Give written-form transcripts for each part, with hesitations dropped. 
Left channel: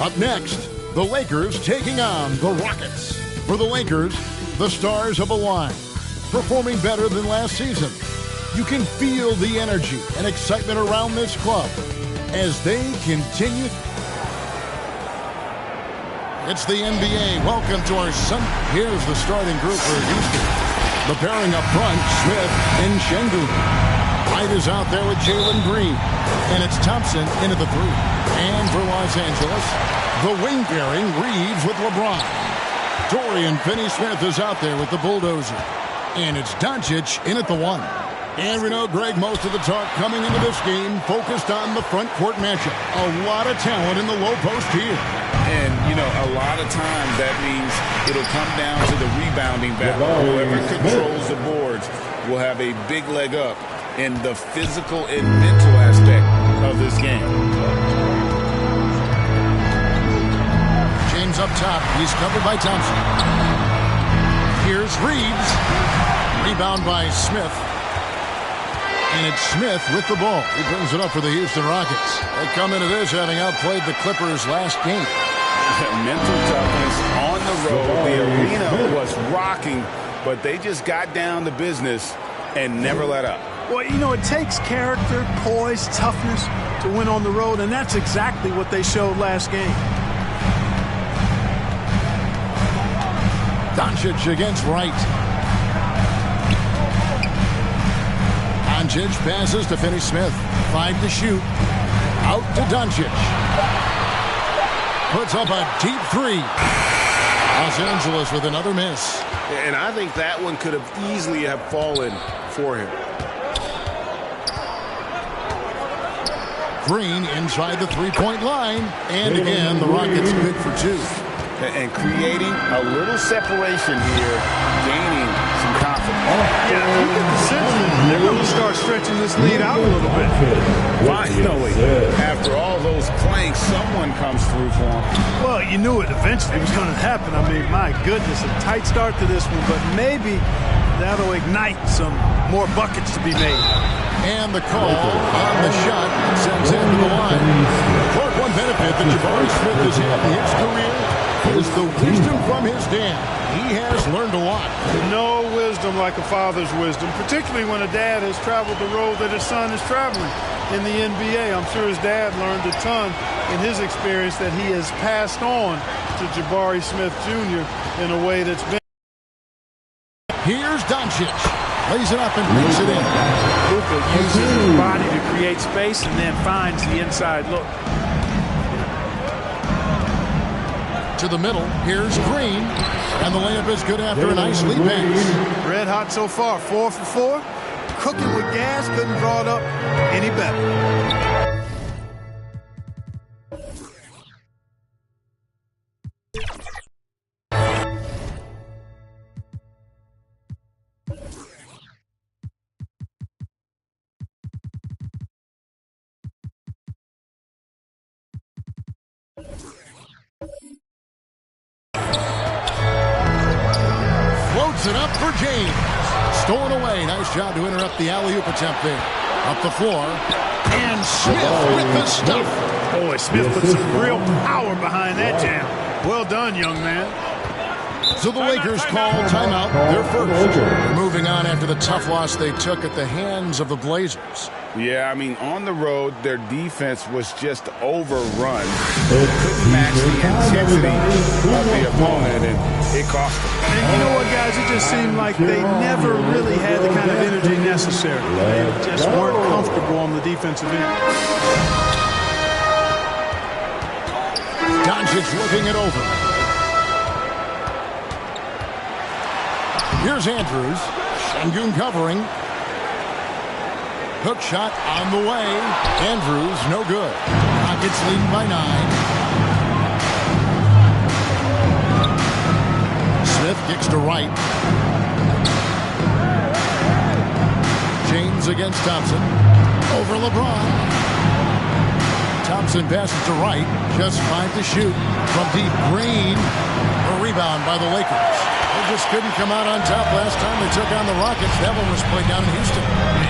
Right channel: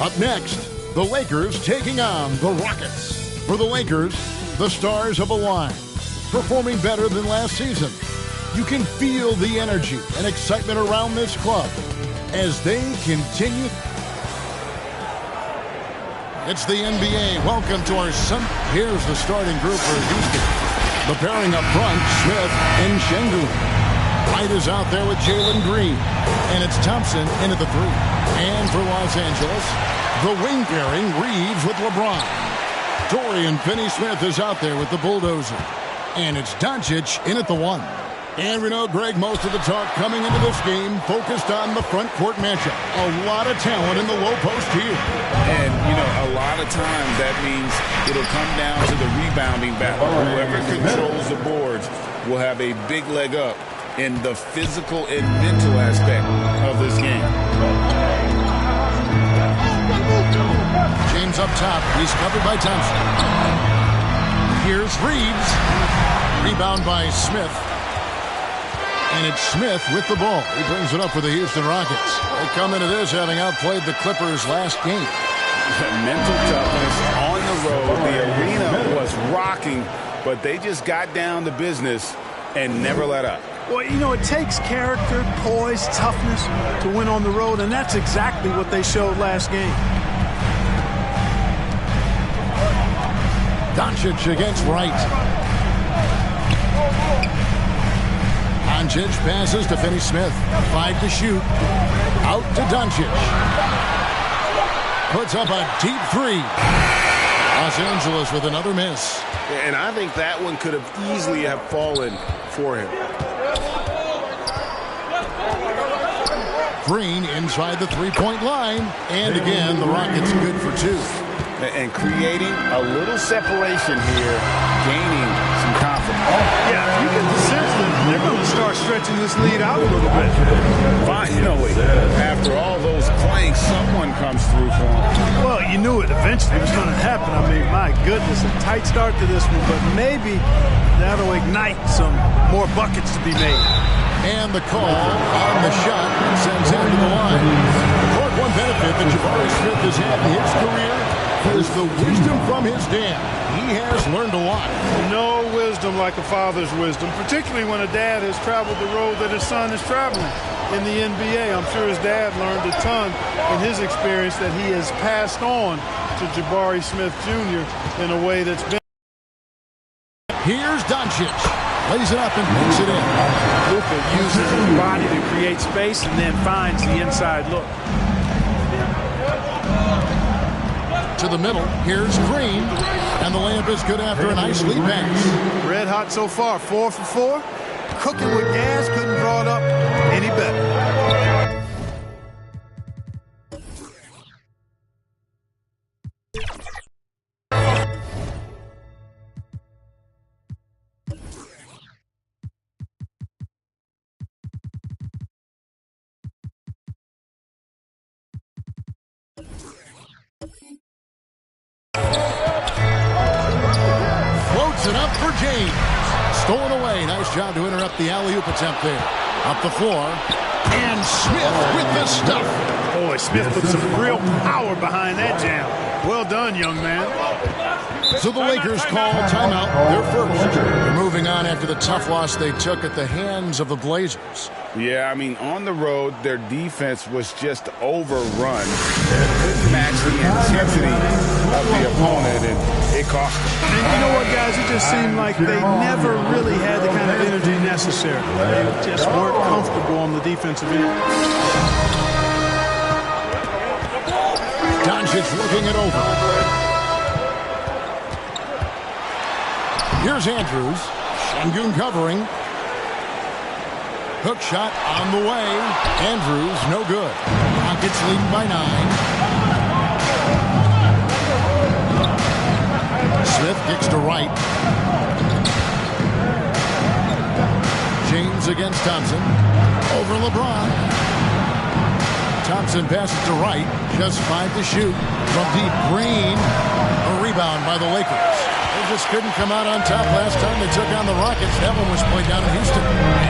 Up next, the Lakers taking on the Rockets. For the Lakers, the stars have aligned, performing better than last season. You can feel the energy and excitement around this club as they continue. It's the NBA. Welcome to our Here's the starting group for Houston. The pairing up front, Smith and Şengün. White is out there with Jalen Green. And it's Thompson into the three. And for Los Angeles, the wing pairing, Reeves with LeBron. Dorian Finney-Smith is out there with the bulldozer. And it's Doncic in at the one. And we know, Greg, most of the talk coming into this game focused on the front court matchup. A lot of talent in the low post here. And, a lot of times that means it'll come down to the rebounding battle. Whoever controls the boards will have a big leg up in the physical and mental aspect of this game. James up top. He's covered by Thompson. Here's Reeves. Rebound by Smith. And it's Smith with the ball. He brings it up for the Houston Rockets. They come into this having outplayed the Clippers last game. Mental toughness on the road. The arena was rocking, but they just got down to business and never let up. Well, it takes character, poise, toughness to win on the road, and that's exactly what they showed last game. Doncic against Wright. Doncic passes to Finney-Smith. 5 to shoot. Out to Doncic. Puts up a deep three. Los Angeles with another miss. And I think that one could have easily have fallen for him. Green inside the three-point line. And again, the Rockets good for two. And creating a little separation here, gaining some confidence. Yeah, you get the sense that they're going to start stretching this lead out a little bit. Finally, after all those clanks, someone comes through for them. Well, you knew it eventually was going to happen. I mean, my goodness, a tight start to this one, but maybe that'll ignite some more buckets to be made. And the call on the shot that sends him to the line. The Clark, one benefit that Jabari Smith has had in his career is the wisdom from his dad. He has learned a lot. No wisdom like a father's wisdom, particularly when a dad has traveled the road that his son is traveling in the NBA. I'm sure his dad learned a ton in his experience that he has passed on to Jabari Smith Jr. in a way that's been. Here's Doncic. Lays it up and makes it in. Luka uses his body to create space and then finds the inside look. To the middle, here's Green, and the layup is good after a nice lead pass. Red hot so far, 4 for 4. Cooking with gas, couldn't draw it up any better. Floats it up for James. Stolen away. Nice job to interrupt the alley-oop attempt there. Up the floor. And Smith with the stuff. Boy, Smith put some real power behind that jam. Well done, young man. So the Lakers call timeout, their first. They're moving on after the tough loss they took at the hands of the Blazers. Yeah, I mean, on the road, their defense was just overrun. They couldn't match the intensity of the opponent, and it cost them. And you know what, guys? It just seemed like they never really had the kind of energy necessary. They just weren't comfortable on the defensive end. Doncic looking it over. Here's Andrews. Şengün covering. Hook shot on the way. Andrews, no good. Rockets leading by 9. Smith kicks to right. James against Thompson. Over LeBron. Thompson passes to Wright. Just 5 to shoot. From deep, Green. A rebound by the Lakers. They just couldn't come out on top last time they took on the Rockets. That one was played down in Houston.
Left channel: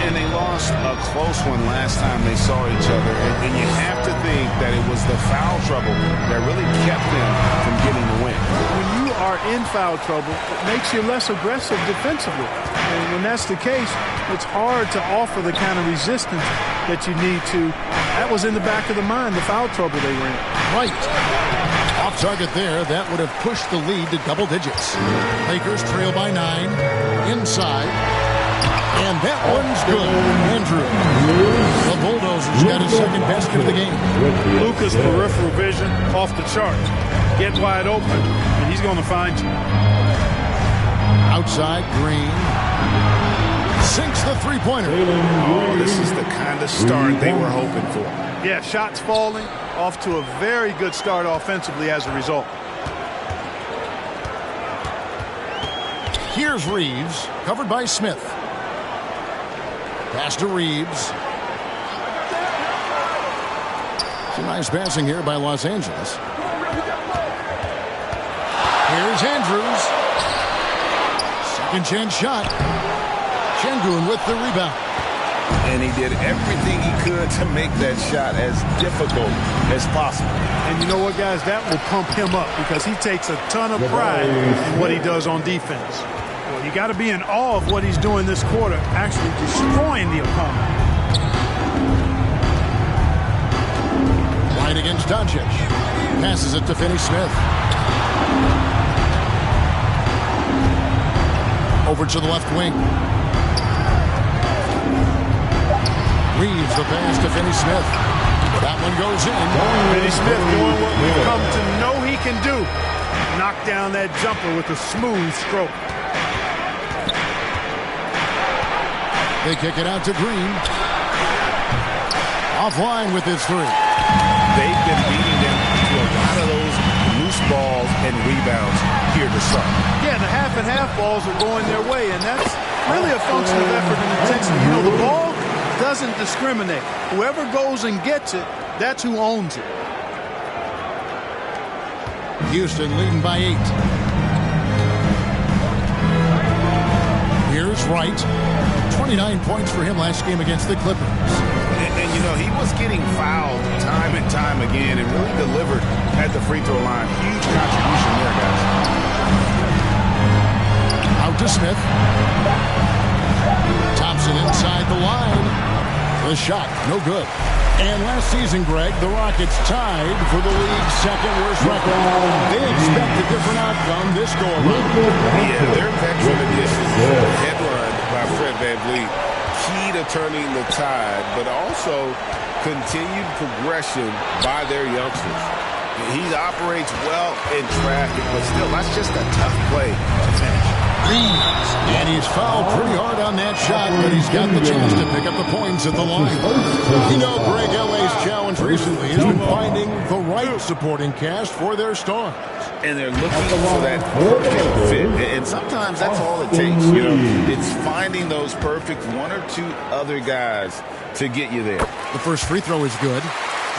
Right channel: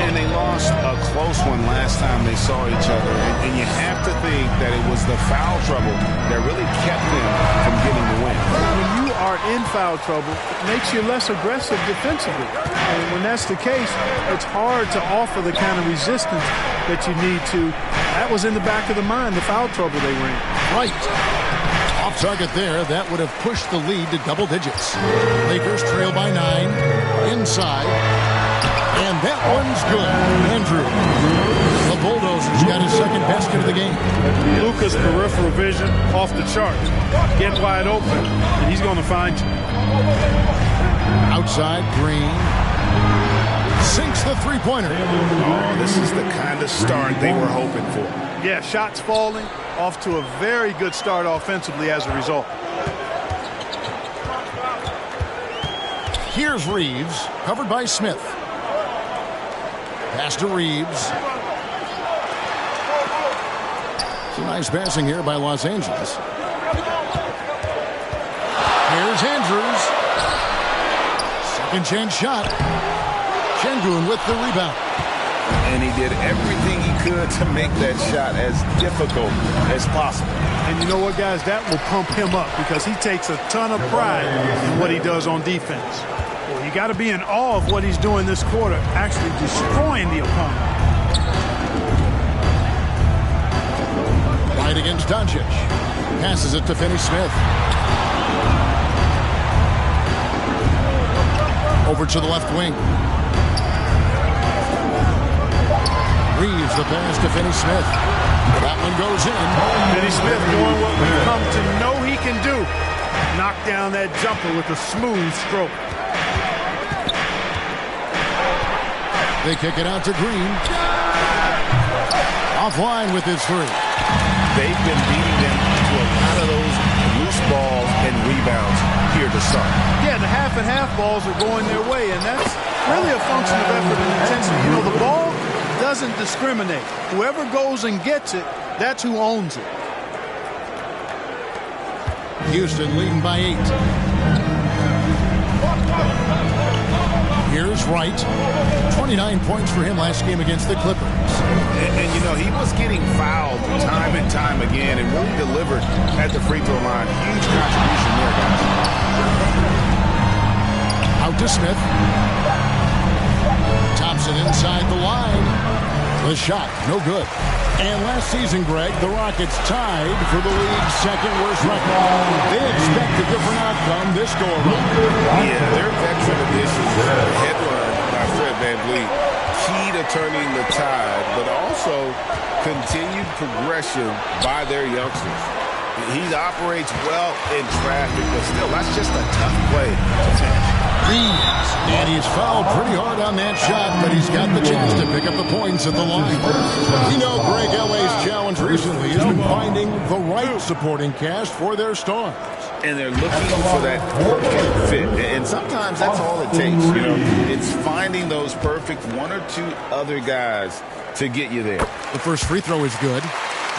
And they lost a close one last time they saw each other. And you have to think that it was the foul trouble that really kept them from getting the win. When you are in foul trouble, it makes you less aggressive defensively. And when that's the case, it's hard to offer the kind of resistance that you need to. That was in the back of the mind, the foul trouble they were in. Right. Off target there. That would have pushed the lead to double digits. Lakers trail by 9. Inside. And that one's good. Andrews. The Bulldozers got his second basket of the game. Luka's peripheral vision off the charts. Get wide open, and he's going to find you. Outside, Green. Sinks the three-pointer. Oh, this is the kind of start they were hoping for. Yeah, shots falling. Off to a very good start offensively as a result. Here's Reeves, covered by Smith. Pass to Reeves. Some nice passing here by Los Angeles. Here's Andrews. Second chance shot. Şengün with the rebound. And he did everything he could to make that shot as difficult as possible. And you know what, guys? That will pump him up because he takes a ton of pride in what he does on defense. Well, you got to be in awe of what he's doing this quarter, actually destroying the opponent. Right against Doncic. Passes it to Finney-Smith. Over to the left wing. Reeves the pass to Finney-Smith. That one goes in. Finney-Smith doing what we've come to know he can do. Knock down that jumper with a smooth stroke. They kick it out to Green. Offline with his three. They've been beating them to a lot of those loose balls and rebounds here to start. Yeah, the half and half balls are going their way, and that's really a function of effort and intensity. You know, the ball doesn't discriminate. Whoever goes and gets it, that's who owns it. Houston leading by 8. Here's Wright. 29 points for him last game against the Clippers. And you know, he was getting fouled time and time again and really delivered at the free throw line. Huge contribution there, guys. Out to Smith. Thompson inside the line. The shot, no good. And last season, Greg, the Rockets tied for the league's second worst record. They expect a different outcome this go-around. Yeah, their veteran additions, headlined by Fred VanVleet, key to turning the tide, but also continued progression by their youngsters. He operates well in traffic, but still, that's just a tough play to finish. Reeves. And he's fouled pretty hard on that shot, but he's got the chance to pick up the points at the line. You know, Greg, LA's challenge recently has been finding the right supporting cast for their stars. And they're looking for that perfect fit. And sometimes that's all it takes, you know. It's finding those perfect one or two other guys to get you there. The first free throw is good.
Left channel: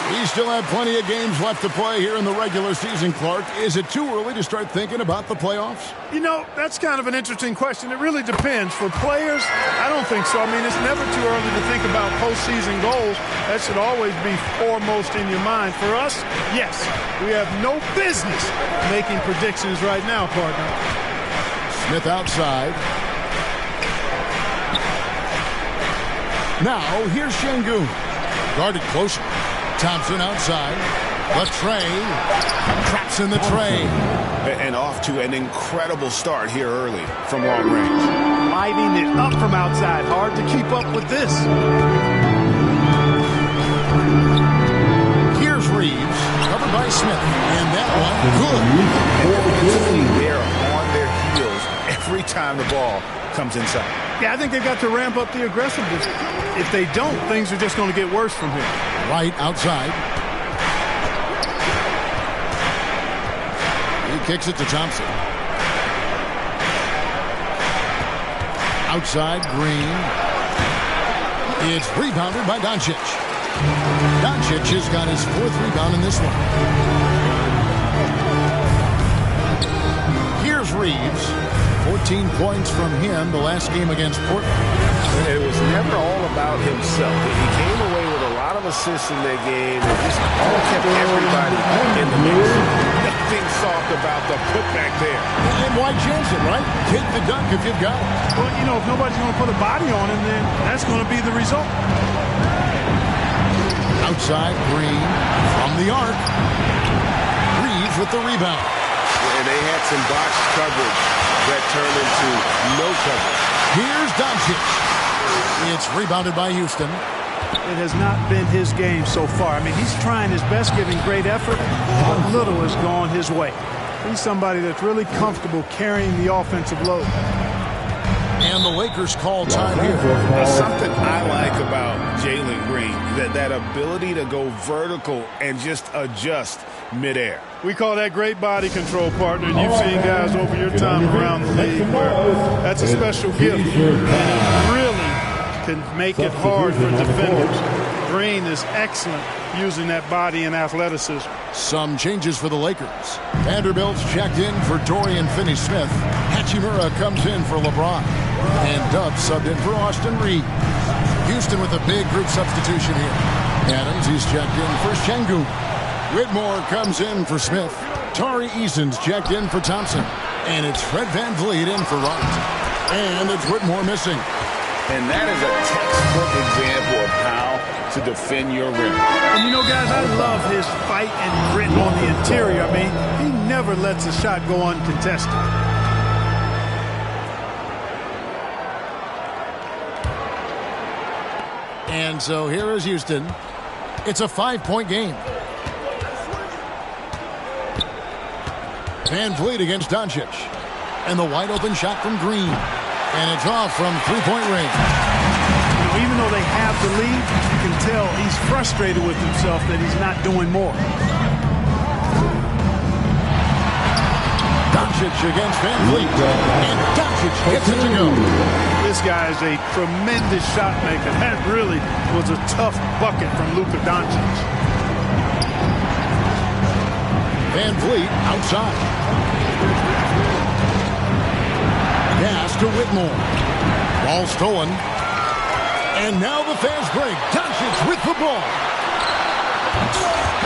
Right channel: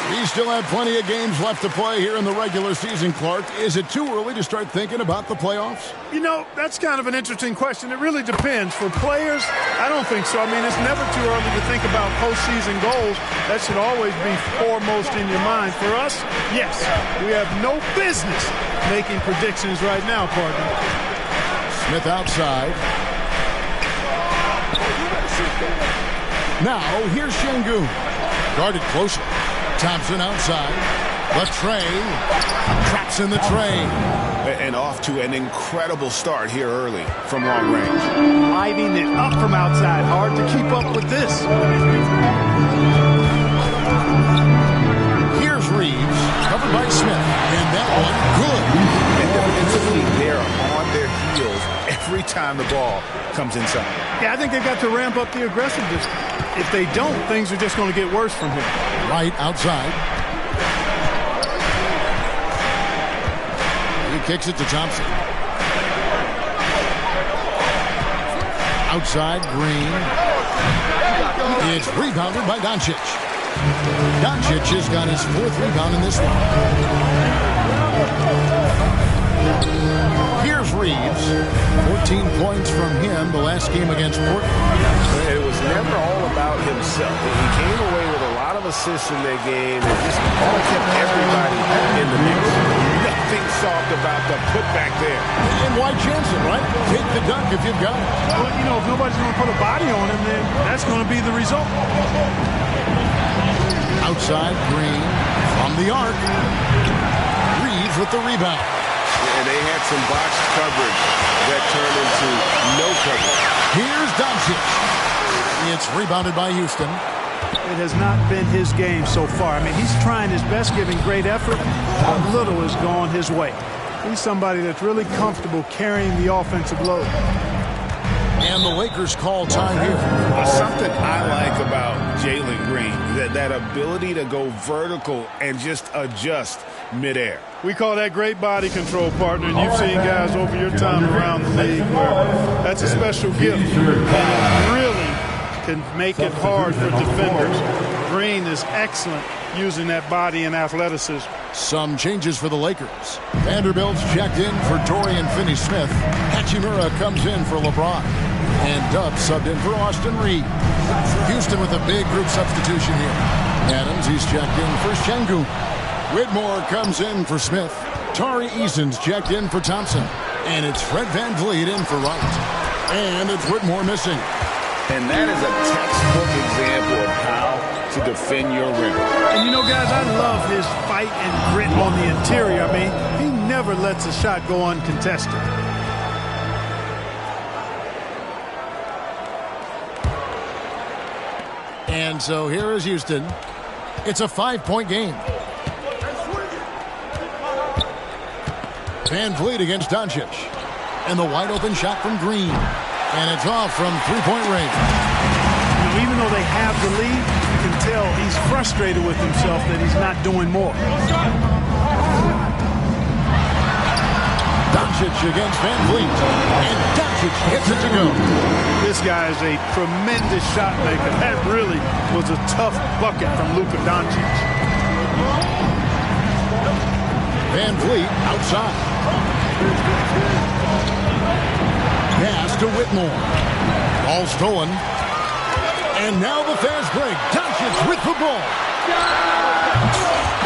We still have plenty of games left to play here in the regular season, Clark. Is it too early to start thinking about the playoffs? You know, that's kind of an interesting question. It really depends. For players, I don't think so. I mean, it's never too early to think about postseason goals. That should always be foremost in your mind. For us, yes, we have no business making predictions right now, partner. Smith outside. Now, here's Şengün. Guarded closer. Thompson outside. The tray. Traps in the tray. And off to an incredible start here early from long range. Lighting it up from outside. Hard to keep up with this. Here's Reeves. Covered by Smith. And that one, good. And defensively, they're on their heels every time the ball comes inside. Yeah, I think they've got to ramp up the aggressiveness. If they don't, things are just going to get worse from here. Right outside. He kicks it to Thompson. Outside, Green. It's rebounded by Doncic. Doncic has got his 4th rebound in this one. Here's Reeves. 14 points from him the last game against Portland. It was never all about himself. He came away with a lot of assists in that game and just kind of kept everybody in the mix. Nothing soft about the putback there. And why chance it, right? Take the dunk if you've got it. Well, you know, if nobody's going to put a body on him, then that's going to be the result. Outside, Green from the arc. Reeves with the rebound. And they had some botched coverage that turned into no coverage. Here's Doncic. It's rebounded by Houston. It has not been his game so far. I mean, he's trying his best, giving great effort, but little has gone his way. He's somebody that's really comfortable carrying the offensive load. And the Lakers call time here. Something I like about Jalen Green, that ability to go vertical and just adjust midair. We call that great body control, partner, and you've seen guys over your time around the league where that's a special gift, and it really can make it hard for defenders. Green is excellent using that body and athleticism. Some changes for the Lakers. Vanderbilt's checked in for Dorian Finney-Smith. Hachimura comes in for LeBron. And Dubs subbed in for Austin Reeves. Houston with a big group substitution here. Adams, he's checked in for Şengün. Whitmore comes in for Smith. Tari Eason's checked in for Thompson. And it's Fred VanVleet in for Wright. And it's Whitmore missing. And that is a textbook example of how to defend your rim. And you know, guys, I love his fight and grit on the interior. I mean, he never lets a shot go uncontested. And so here is Houston. It's a 5-point game. VanVleet against Doncic. And the wide open shot from Green. And it's off from 3-point range. You know, even though they have the lead, you can tell he's frustrated with himself that he's not doing more. Doncic against VanVleet. And Doncic gets it to go. This guy is a tremendous shot maker. That really was a tough bucket from Luka Doncic. VanVleet outside. Pass to Whitmore. Ball stolen. And now the fast break. Doncic with the ball.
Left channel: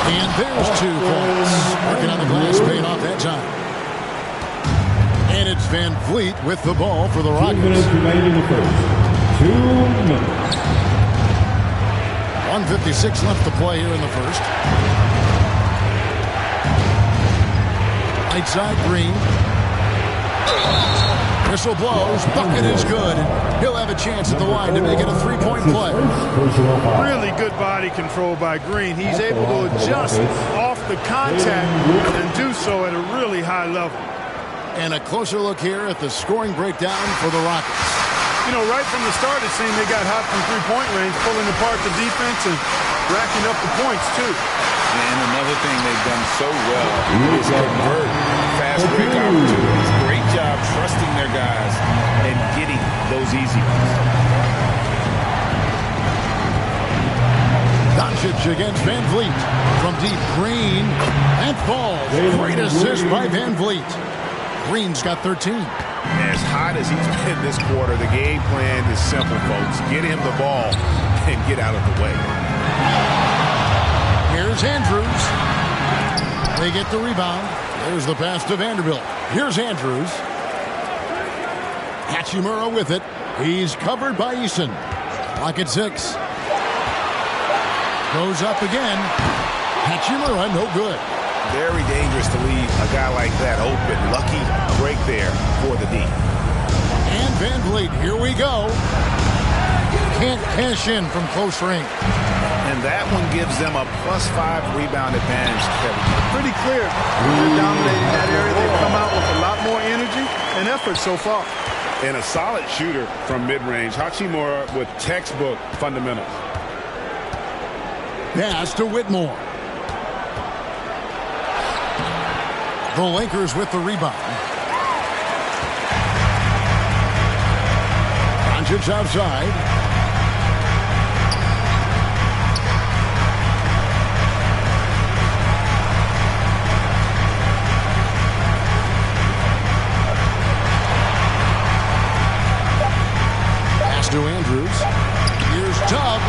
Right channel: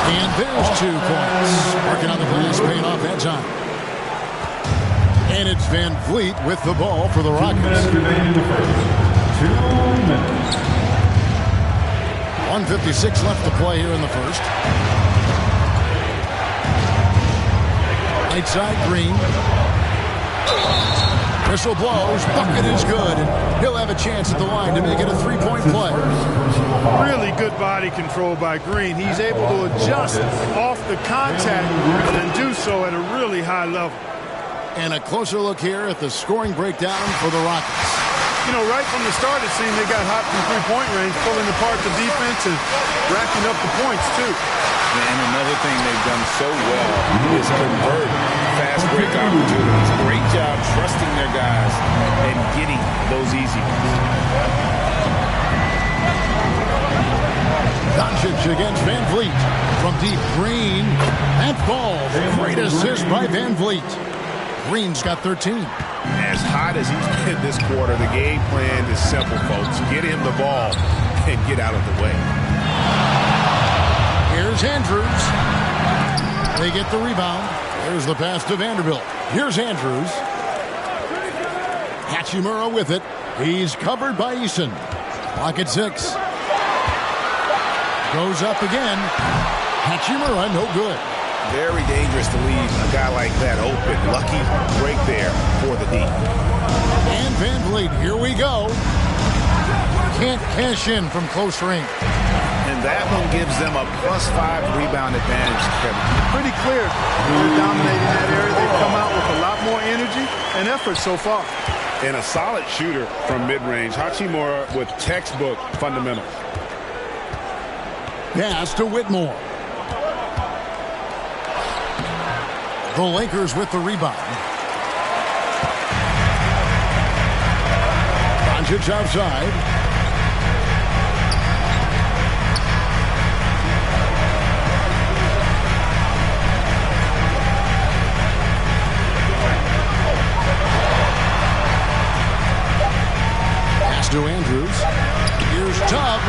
And there's 2 points. Working on the glass, paying off that time. And it's VanVleet with the ball for the Rockets. 2 minutes remain in the first. 2 minutes. 1:56 left to play here in the first. Right side, Green. Whistle blows. Bucket is good. He'll have a chance at the line to make it a 3-point play. Really good body control by Green. He's able to adjust off the contact and do so at a really high level. And a closer look here at the scoring breakdown for the Rockets. You know, right from the start, it seemed they got hot from three-point range, pulling apart the defense and racking up the points, too. And another thing they've done so well is convert fast break opportunities. Great job trusting their guys and getting those easy ones. Doncic against VanVleet. From deep, Green. That falls. Great assist by VanVleet. Green's got 13. As hot as he's been this quarter, the game plan is simple, folks. Get him the ball and get out of the way. Here's Andrews. They get the rebound. There's the pass to Vanderbilt. Here's Andrews. Hachimura with it. He's covered by Eason. Clock at 6. Goes up again. Hachimura, no good. Very dangerous to leave a guy like that open. Lucky break there for the D. And VanVleet, here we go. Can't cash in from close range. And that one gives them a +5 rebound advantage, Kevin. Pretty clear. They're dominating that area. They've come out with a lot more energy and effort so far. And a solid shooter from mid-range. Hachimura with textbook fundamentals. Pass to Whitmore. The Lakers with the rebound. Doncic outside. Andrews. Here's Tubb.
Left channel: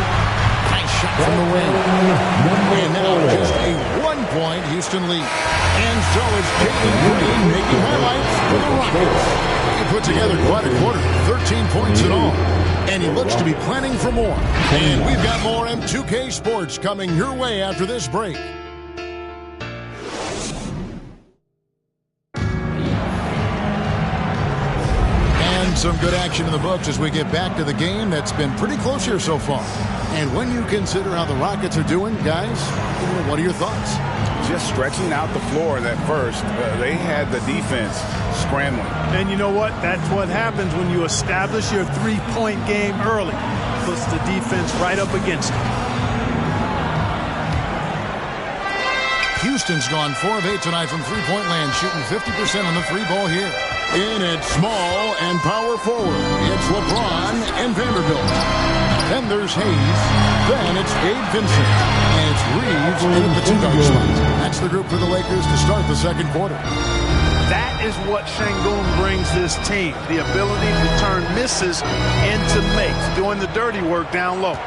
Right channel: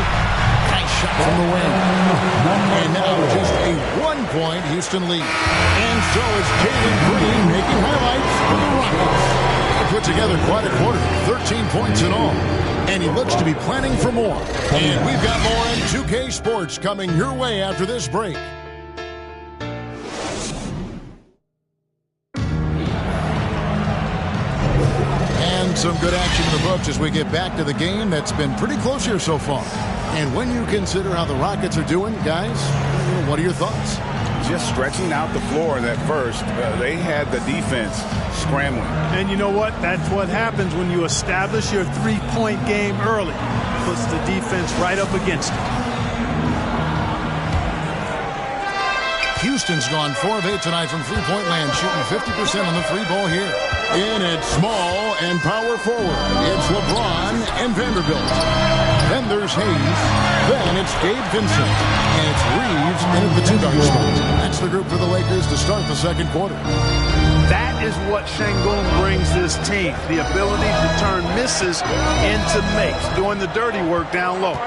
Nice shot from the wing. And now just a 1-point Houston lead. And so it's Jalen Green making highlights for the Rockets. He put together quite a quarter, 13 points in all. And he looks to be planning for more. And we've got more in 2K Sports coming your way after this break. And some good action in the books as we get back to the game that's been pretty close here so far. And when you consider how the Rockets are doing, guys, what are your thoughts? Just stretching out the floor in that first. They had the defense scrambling. And you know what? That's what happens when you establish your three-point game early. Puts the defense right up against it. Houston's gone 4 of 8 tonight from three-point land, shooting 50% on the three ball here. In at small and power forward, it's LeBron and Vanderbilt. Then there's Hayes. Then it's Gabe Vincent. And it's Reeves in at the two-guard spot. That's the group for the Lakers to start the second quarter. That is what Şengün brings this team, the ability to turn misses into makes, doing the dirty work down low.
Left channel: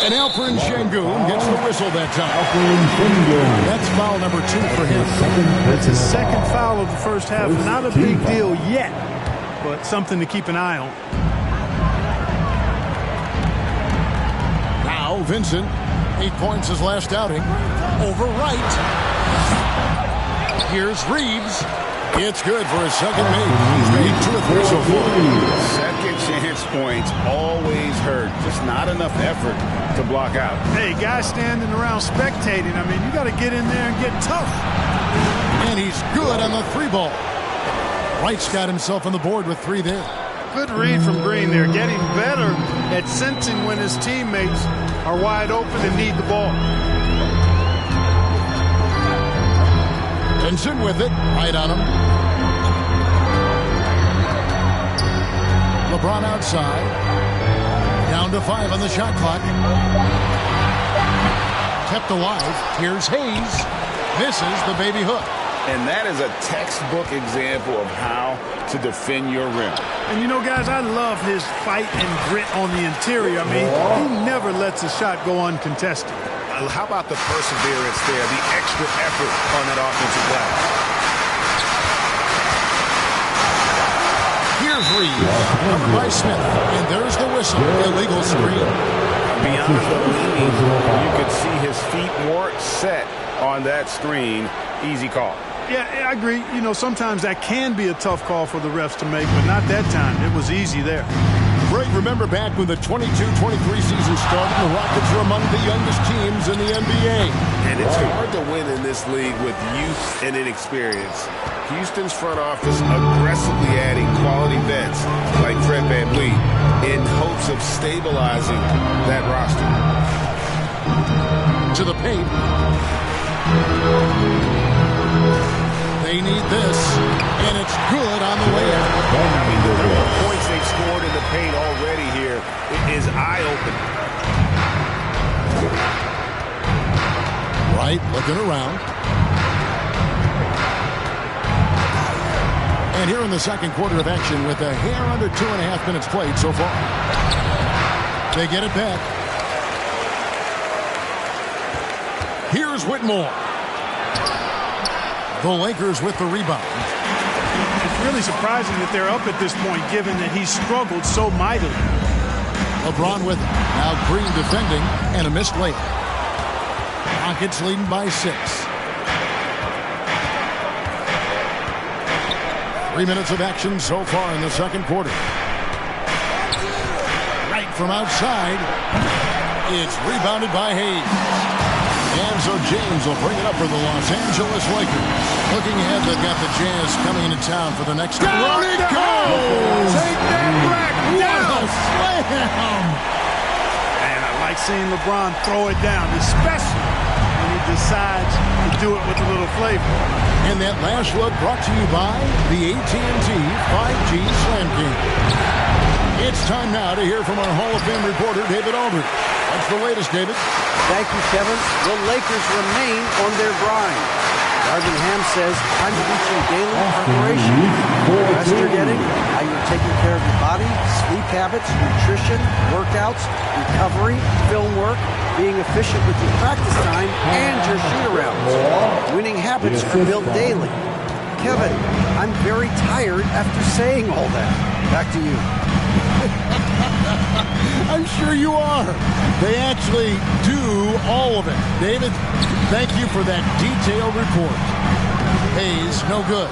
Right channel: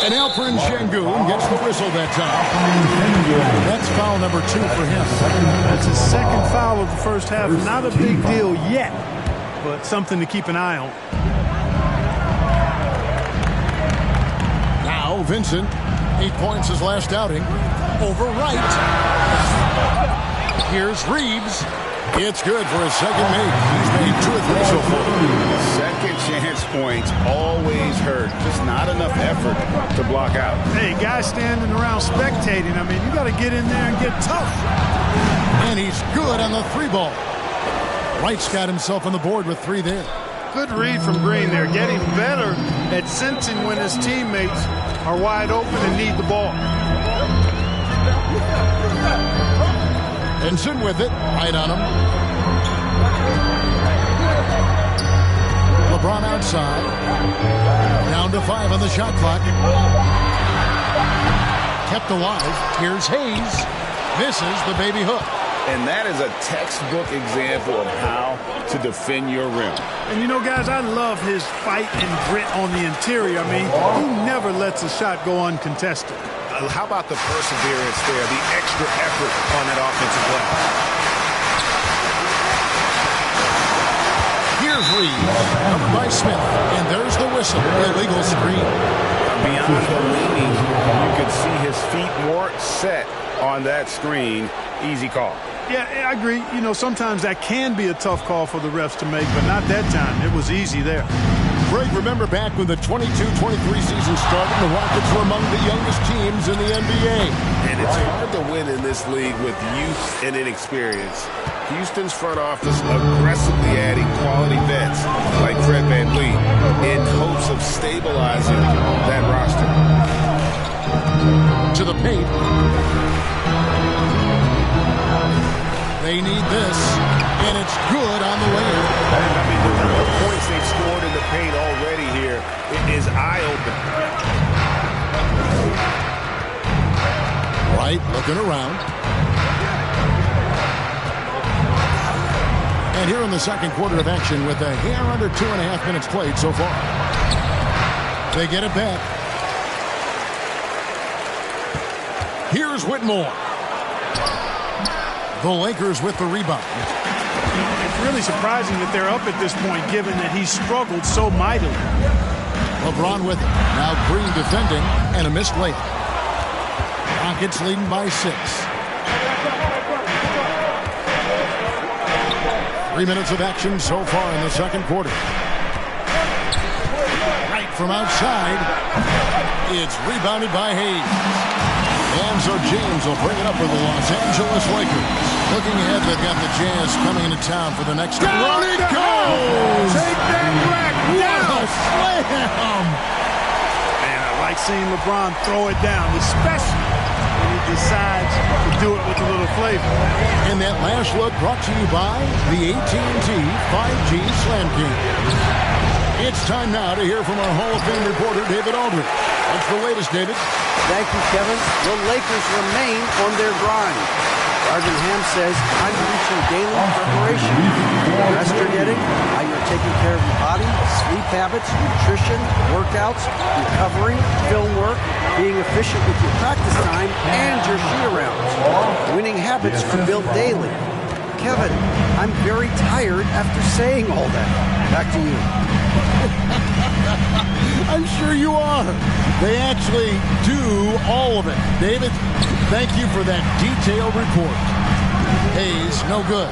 And Alperen Şengün gets the whistle that time. That's foul number 2 for him. That's his second foul of the first half. Not a big deal yet, but something to keep an eye on. Now Vincent, 8 points his last outing. Over right. Here's Reeves. It's good for his second make. He's made 2 of 3 so far. Second chance points always hurt. Just not enough effort to block out. Hey, guys standing around spectating. I mean, you got to get in there and get tough. And he's good on the 3 ball. Wright's got himself on the board with 3 there. Good read from Green there. Getting better at sensing when his teammates are wide open and need the ball. Vincent with it, right on him. LeBron outside. Down to 5 on the shot clock. Kept alive. Here's Hayes. Misses the baby hook. And that is a textbook example of how to defend your rim. And you know, guys, I love his fight and grit on the interior. I mean, he never lets a shot go uncontested. How about the perseverance there, the extra effort on that offensive glass? Here's Reeves, covered by Smith, and there's the whistle. Illegal screen. Beyond the leaning, you could see his feet more set on that screen. Easy call. Yeah, I agree. You know, sometimes that can be a tough call for the refs to make, but not that time. It was easy there. Greg, remember back when the 22-23 season started, the Rockets were among the youngest teams in the NBA. And it's hard to win in this league with youth and inexperience. Houston's front office aggressively adding quality vets like Fred VanVleet in hopes of stabilizing that roster. To the paint. They need this, and it's good on the way in. I mean, the number of points they've scored in the paint already here is eye-opening. Right, looking around. And here in the second quarter of action with a hair under 2.5 minutes played so far. They get it back. Here's Whitmore. The Lakers with the rebound. It's really surprising that they're up at this point, given that he struggled so mightily. LeBron with it. Now Green defending, and a missed layup. Rockets leading by 6. 3 minutes of action so far in the second quarter. Right from outside. It's rebounded by Hayes. And so James will bring it up for the Los Angeles Lakers. Looking ahead, they've got the Jazz coming into town for the next... Down it goes! Take that rack down! What a slam! And I like seeing LeBron throw it down, especially when he decides to do it with a little flavor. And that last look brought to you by the AT&T 5G Slam King. It's time now to hear from our Hall of Fame reporter, David Aldridge. What's the latest, David? Thank you, Kevin. The Lakers remain on their grind. Darvin Ham says, I'm preaching daily preparation. The rest you're getting, how you're taking care of your body, sleep habits, nutrition, workouts, recovery, film work, being efficient with your practice time, and your shoot-arounds. Winning habits are built daily. Kevin, I'm very tired after saying all that. Back to you. I'm sure you are. They actually do all of it. David, thank you for that detailed report. Hayes, no good.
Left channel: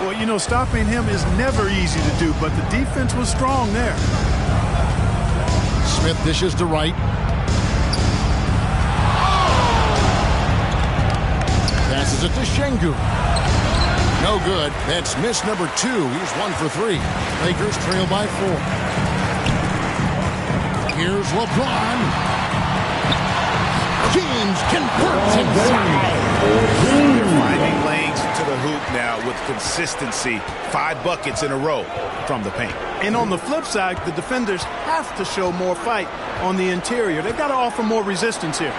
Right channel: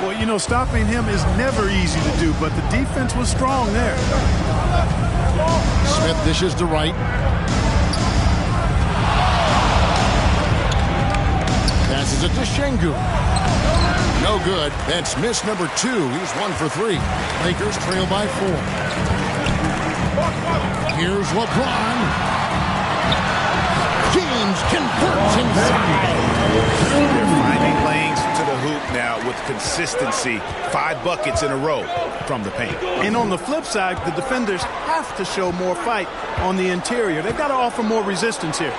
Well, you know, stopping him is never easy to do, but the defense was strong there. Smith dishes to Wright. Passes it to Şengün. No good. That's miss number 2. He's 1 for 3. Lakers trail by 4. Here's LeBron. James converts inside. They're finding lanes to the hoop now with consistency. 5 buckets in a row from the paint. And on the flip side, the defenders have to show more fight on the interior. They've got to offer more resistance here.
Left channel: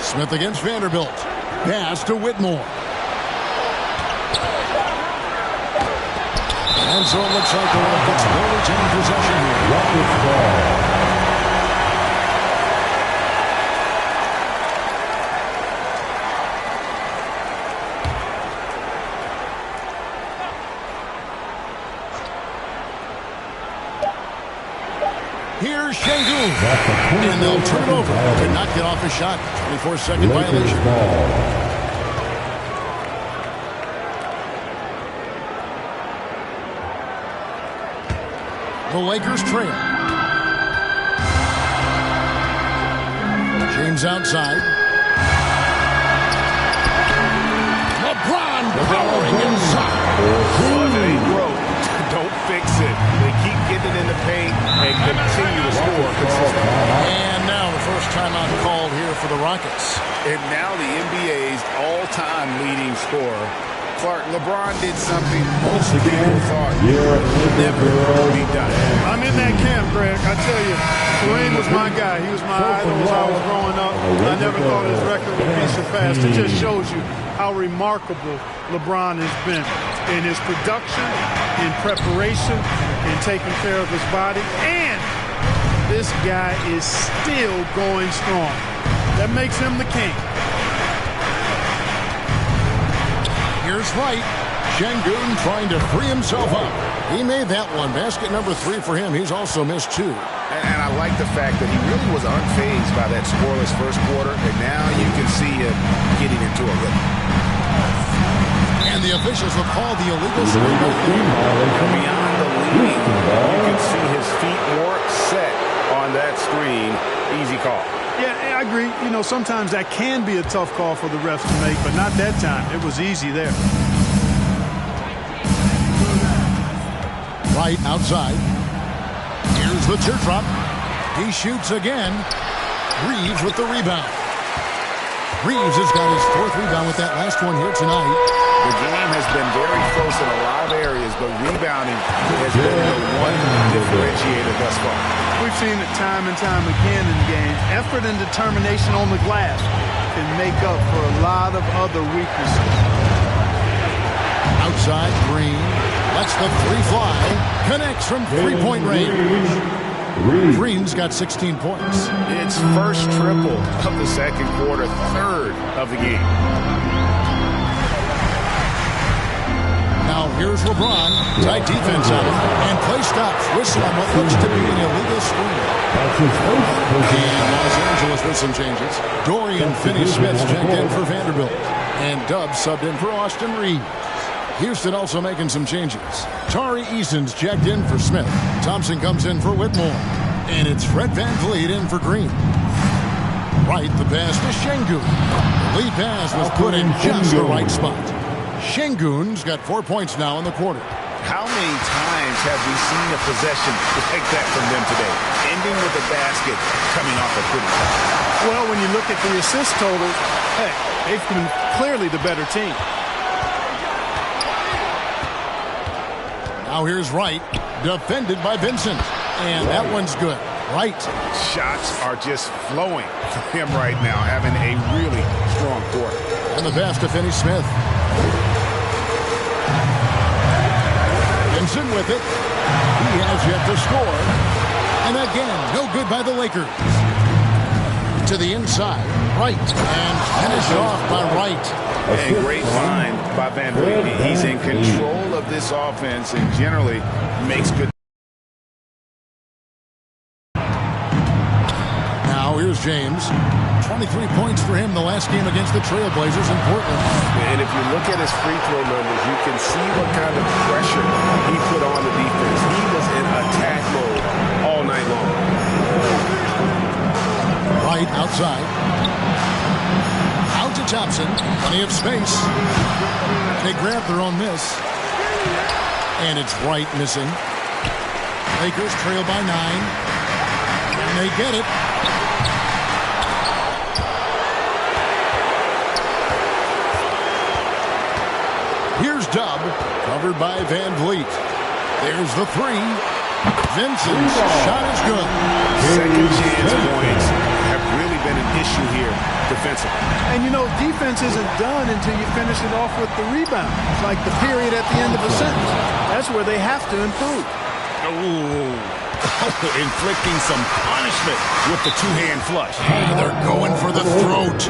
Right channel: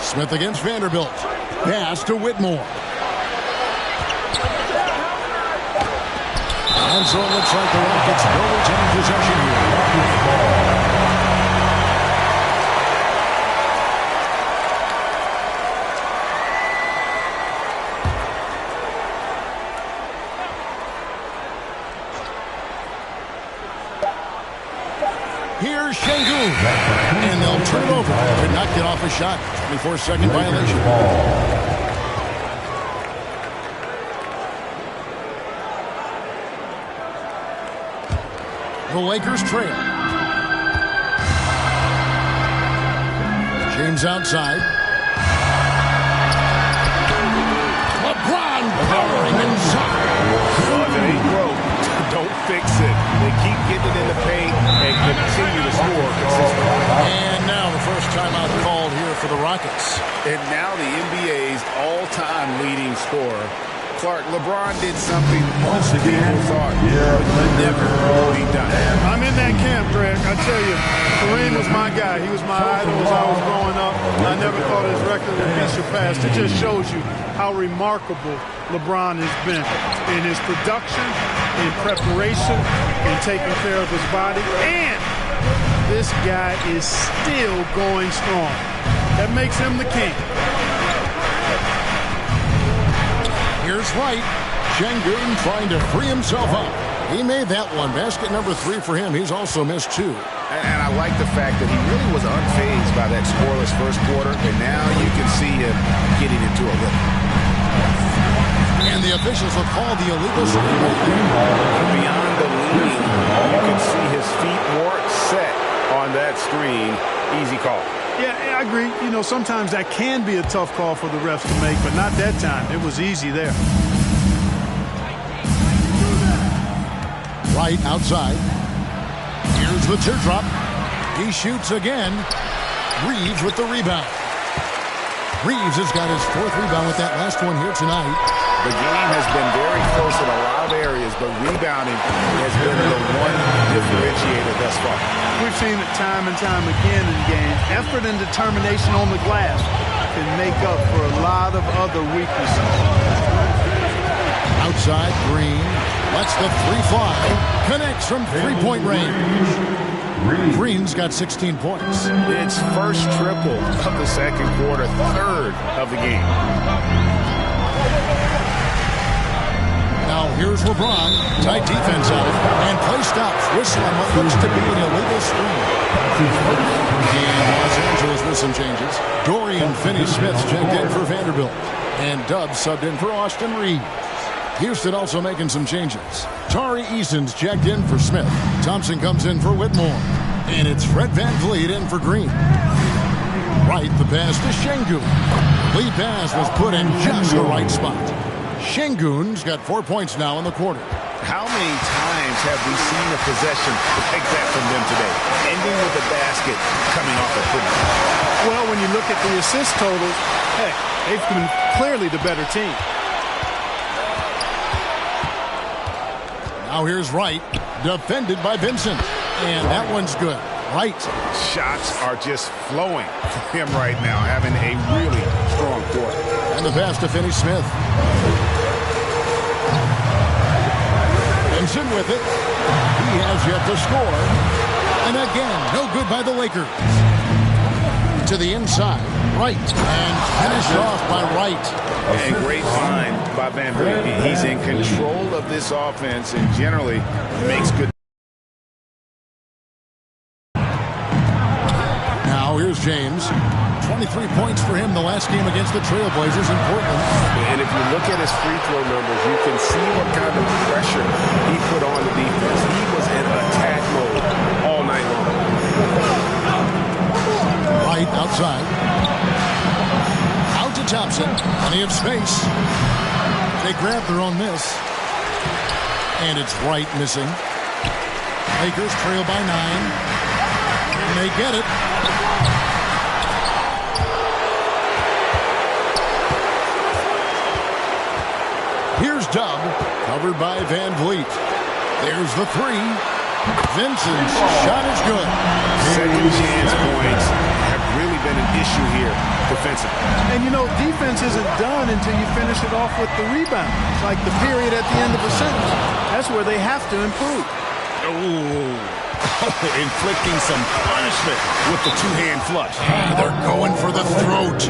Smith against Vanderbilt. Pass to Whitmore. And so it looks like the Rockets will retain possession here. Rockets ball. Here's Şengün. And they'll turn it over to not get off a shot. 24-second violation. The Lakers trail. James outside. LeBron powering inside. Well, if it ain't broke, don't fix it. They keep getting in the paint and continue to score consistently. And now the first timeout called here for the Rockets. And now the NBA's all-time leading scorer. Clark, LeBron did something most people thought would never be done. I'm in that camp, Greg. I tell you, Kareem was my guy. He was my idol as I was growing up. I never thought his record would be surpassed. It just shows you how remarkable LeBron has been in his production, in preparation, in taking care of his body. And this guy is still going strong. That makes him the king. Here's Wright. Şengün trying to free himself up. He made that one. Basket number 3 for him. He's also missed 2. And I like the fact that he really was unfazed by that scoreless first quarter. And now you can see him getting into a rhythm. And the officials will call the illegal screen right there. And beyond the leaning, you can see his feet more set on that screen. Easy call. Yeah, I agree. You know, sometimes that can be a tough call for the refs to make, but not that time. It was easy there. Right outside. Here's the teardrop. He shoots again. Reeves with the rebound. Reeves has got his 4th rebound with that last one here tonight. The game has been very close in a lot of areas, but rebounding has been the one differentiator thus far. We've seen it time and time again in games. Effort and determination on the glass can make up for a lot of other weaknesses. Outside, Green lets the 3 fly. Connects from 3-point range. Green's got 16 points. It's first triple of the second quarter, 3rd of the game. Now here's LeBron. Tight defense on him. And play stops. Whistle on what looks to be an illegal screen. And Los Angeles with some changes. Dorian Finney-Smith's checked in for Vanderbilt. And Dubs subbed in for Austin Reeves. Houston also making some changes. Tari Eason's checked in for Smith. Thompson comes in for Whitmore. And it's Fred VanVleet in for Green. Right, the pass to Şengün. The lead pass was put in just the right spot. Şengün's got 4 points now in the quarter. How many times have we seen a possession like that from them today? Ending with a basket, coming off a pretty foul. Well, when you look at the assist totals, heck, they've been clearly the better team. Now here's Wright, defended by Vincent. And that one's good. Wright. Shots are just flowing for him right now, having a really strong quarter. And the pass to Finney-Smith. Vincent with it. He has yet to score. And again, no good by the Lakers. To the inside, Wright. And finished off by Wright. And great find by Van Vliet. He's in control of this offense and generally makes good. Now here's James. 23 points for him the last game against the Trailblazers in Portland. And if you look at his free throw numbers, you can see what kind of pressure he put on the defense. He was in attack mode all night long. Wright outside. Out to Thompson. Plenty of space. They grab their own miss. And it's Wright missing. Lakers trail by 9. And they get it. Here's Dub, covered by Van Vliet. There's the 3. Vincent's shot is good. Second chance points have really been an issue here defensively. And, you know, defense isn't done until you finish it off with the rebound. It's like the period at the end of a sentence. That's where they have to improve. Inflicting some punishment with the two-hand flush. They're going for the throat.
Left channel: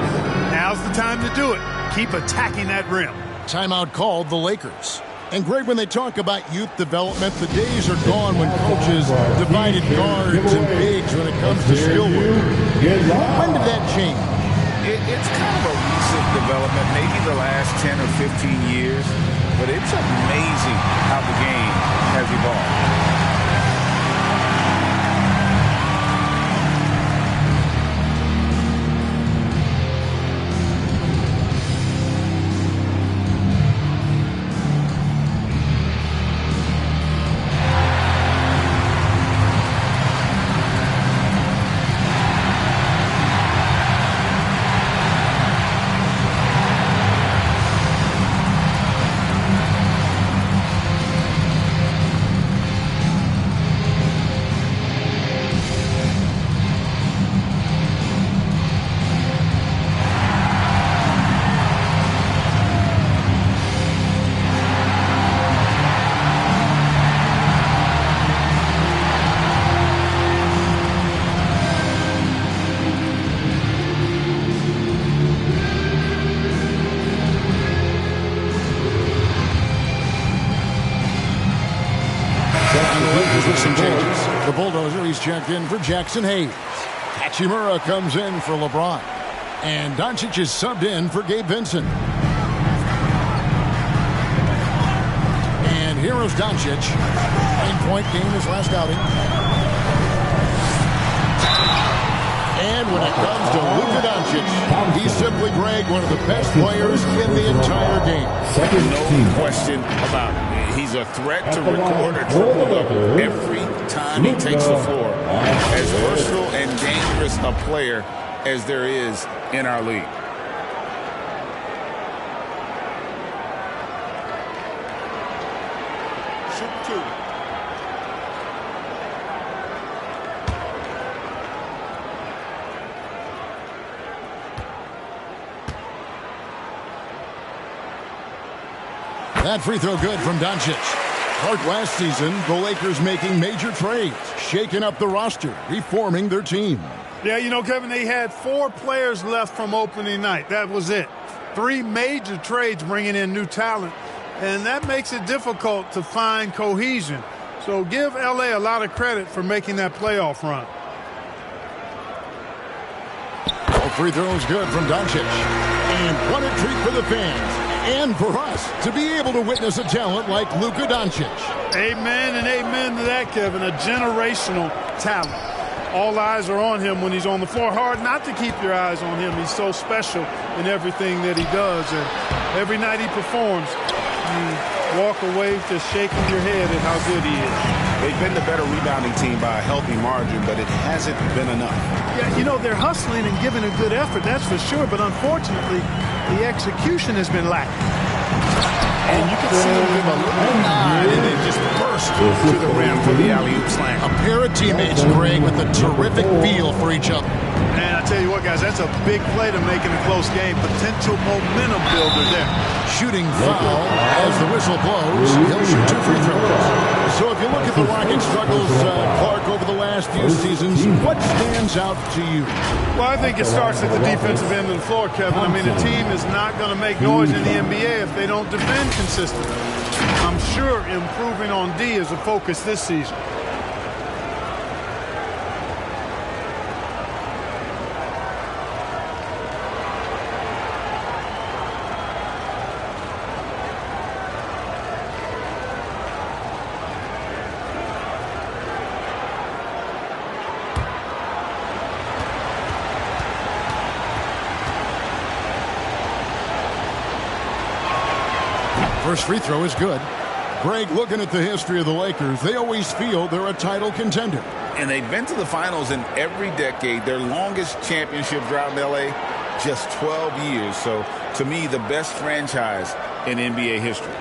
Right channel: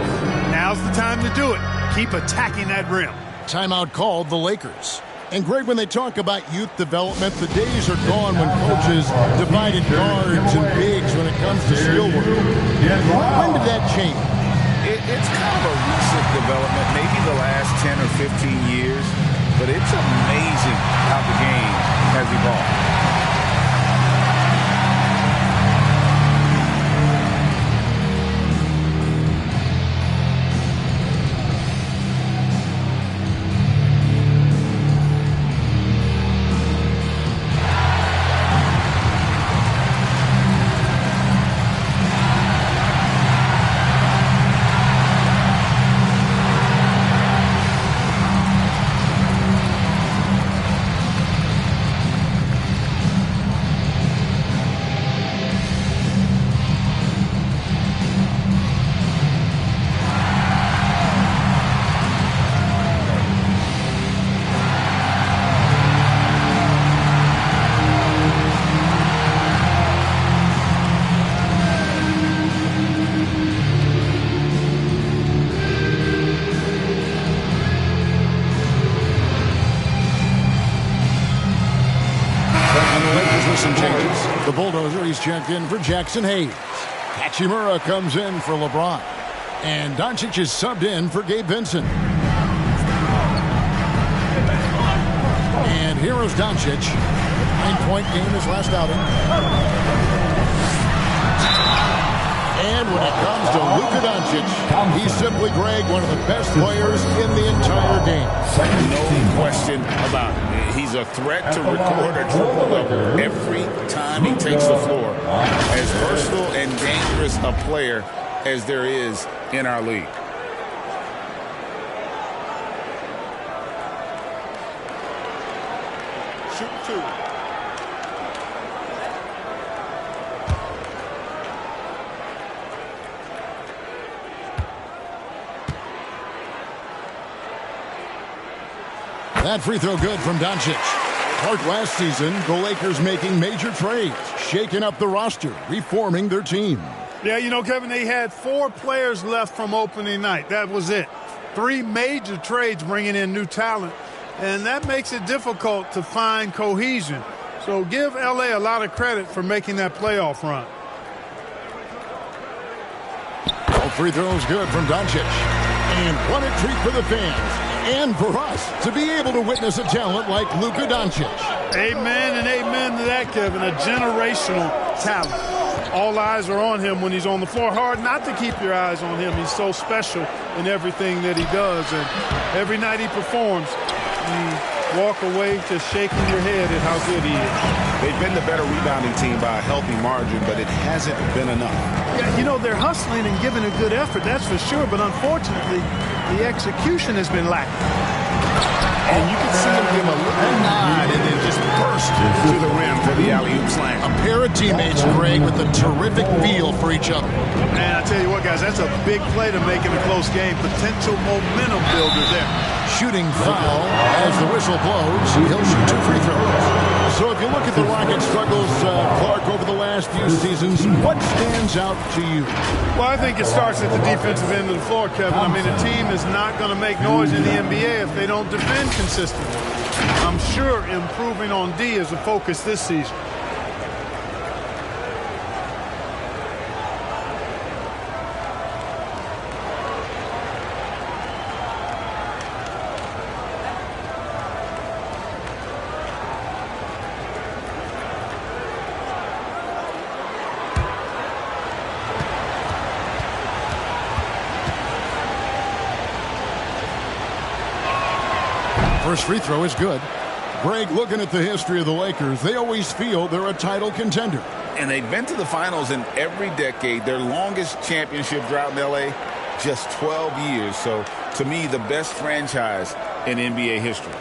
Now's the time to do it. Keep attacking that rim. Timeout called the Lakers. And Greg, when they talk about youth development, the days are gone when coaches divided guards and bigs when it comes to skill work. When did that change? It's kind of a recent development, maybe the last 10 or 15 years, but it's amazing how the game has evolved. With some changes. The Bulldozer, he's checked in for Jackson Hayes. Hachimura comes in for LeBron. And Doncic is subbed in for Gabe Vincent. And here is Doncic. 9-point game his last outing. And when it comes to Luka Doncic, he's simply, Greg, one of the best players in the entire game. No question about it. He's a threat to record a triple-double every time he takes the floor. As versatile and dangerous a player as there is in our league. Shoot 2. That free throw good from Doncic. Clark, last season, the Lakers making major trades, shaking up the roster, reforming their team. Yeah, you know, Kevin, they had 4 players left from opening night. That was it. 3 major trades bringing in new talent, and that makes it difficult to find cohesion. So give L.A. a lot of credit for making that playoff run. All free throws good from Doncic. And what a treat for the fans and for us to be able to witness a talent like Luka Doncic. Amen and amen to that, Kevin. A generational talent. All eyes are on him when he's on the floor. Hard not to keep your eyes on him. He's so special in everything that he does. And every night he performs, you walk away just shaking your head at how good he is. They've been the better rebounding team by a healthy margin, but it hasn't been enough. Yeah, you know, they're hustling and giving a good effort, that's for sure. But unfortunately, the execution has been lacking. And you can see him give a little nod and then just burst to the rim for the alley-oop slam. A pair of teammates, Greg, with a terrific feel for each other. Man, I tell you what, guys, that's a big play to make in a close game. Potential momentum builder there. Shooting foul as the whistle blows. He'll shoot 2 free throws. So if you look at the Rockets' struggles, Clark, over the last few seasons, what stands out to you? Well, I think it starts at the defensive end of the floor, Kevin. I mean, a team is not going to make noise in the NBA if they don't defend consistently. I'm sure improving on D is a focus this season. First free throw is good. Greg, looking at the history of the Lakers, they always feel they're a title contender. And they've been to the finals in every decade. Their longest championship drought in L.A., just 12 years. So, to me, the best franchise in NBA history.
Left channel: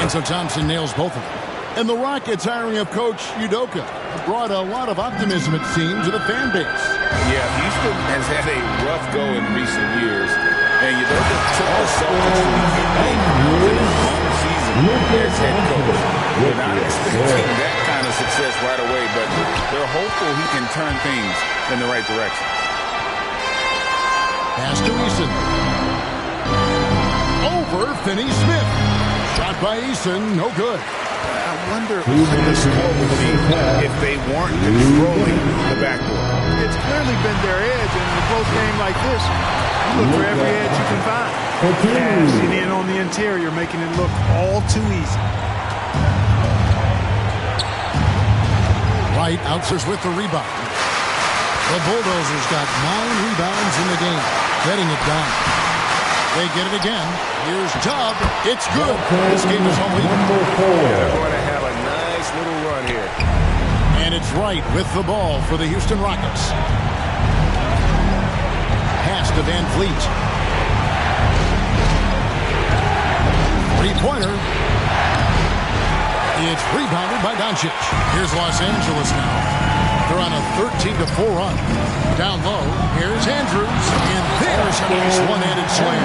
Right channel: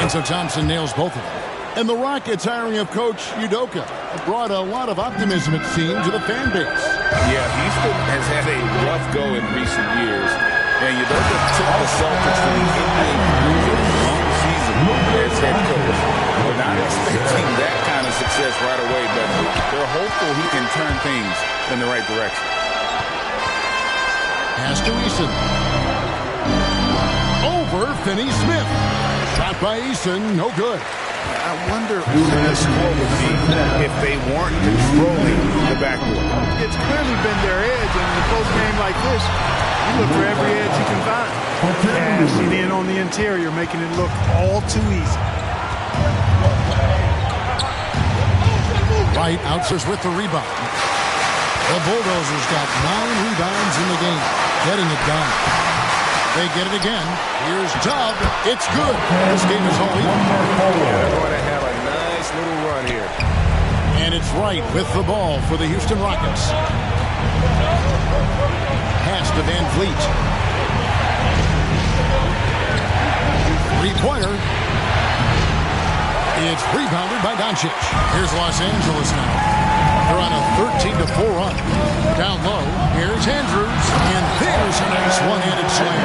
And so Thompson nails both of them. And the Rockets' hiring of Coach Udoka brought a lot of optimism, it seemed, to the fan base. Yeah, Houston has had a rough go in recent years. And Udoka took the Celtics to the NBA Finals in his long season as head coach. They're not expecting that kind of success right away, but they're hopeful he can turn things in the right direction. Pass to Eason. Over Finney-Smith. Shot by Eason, no good. I wonder what the score would be if they weren't controlling the backboard. It's clearly been their edge, and in a close game like this, you look for every edge you can find. Cashing in on the interior, making it look all too easy. Wright outserves with the rebound. The Bulldozers got 9 rebounds in the game, getting it done. They get it again. Here's Dub. It's good. This game is all even. Yeah, they're going to have a nice little run here. And it's Wright with the ball for the Houston Rockets. Pass to Van Vliet. Three-pointer. It's rebounded by Doncic. Here's Los Angeles now. They're on a 13-4 run. Down low, here's Andrews, and there's a nice one-handed slam.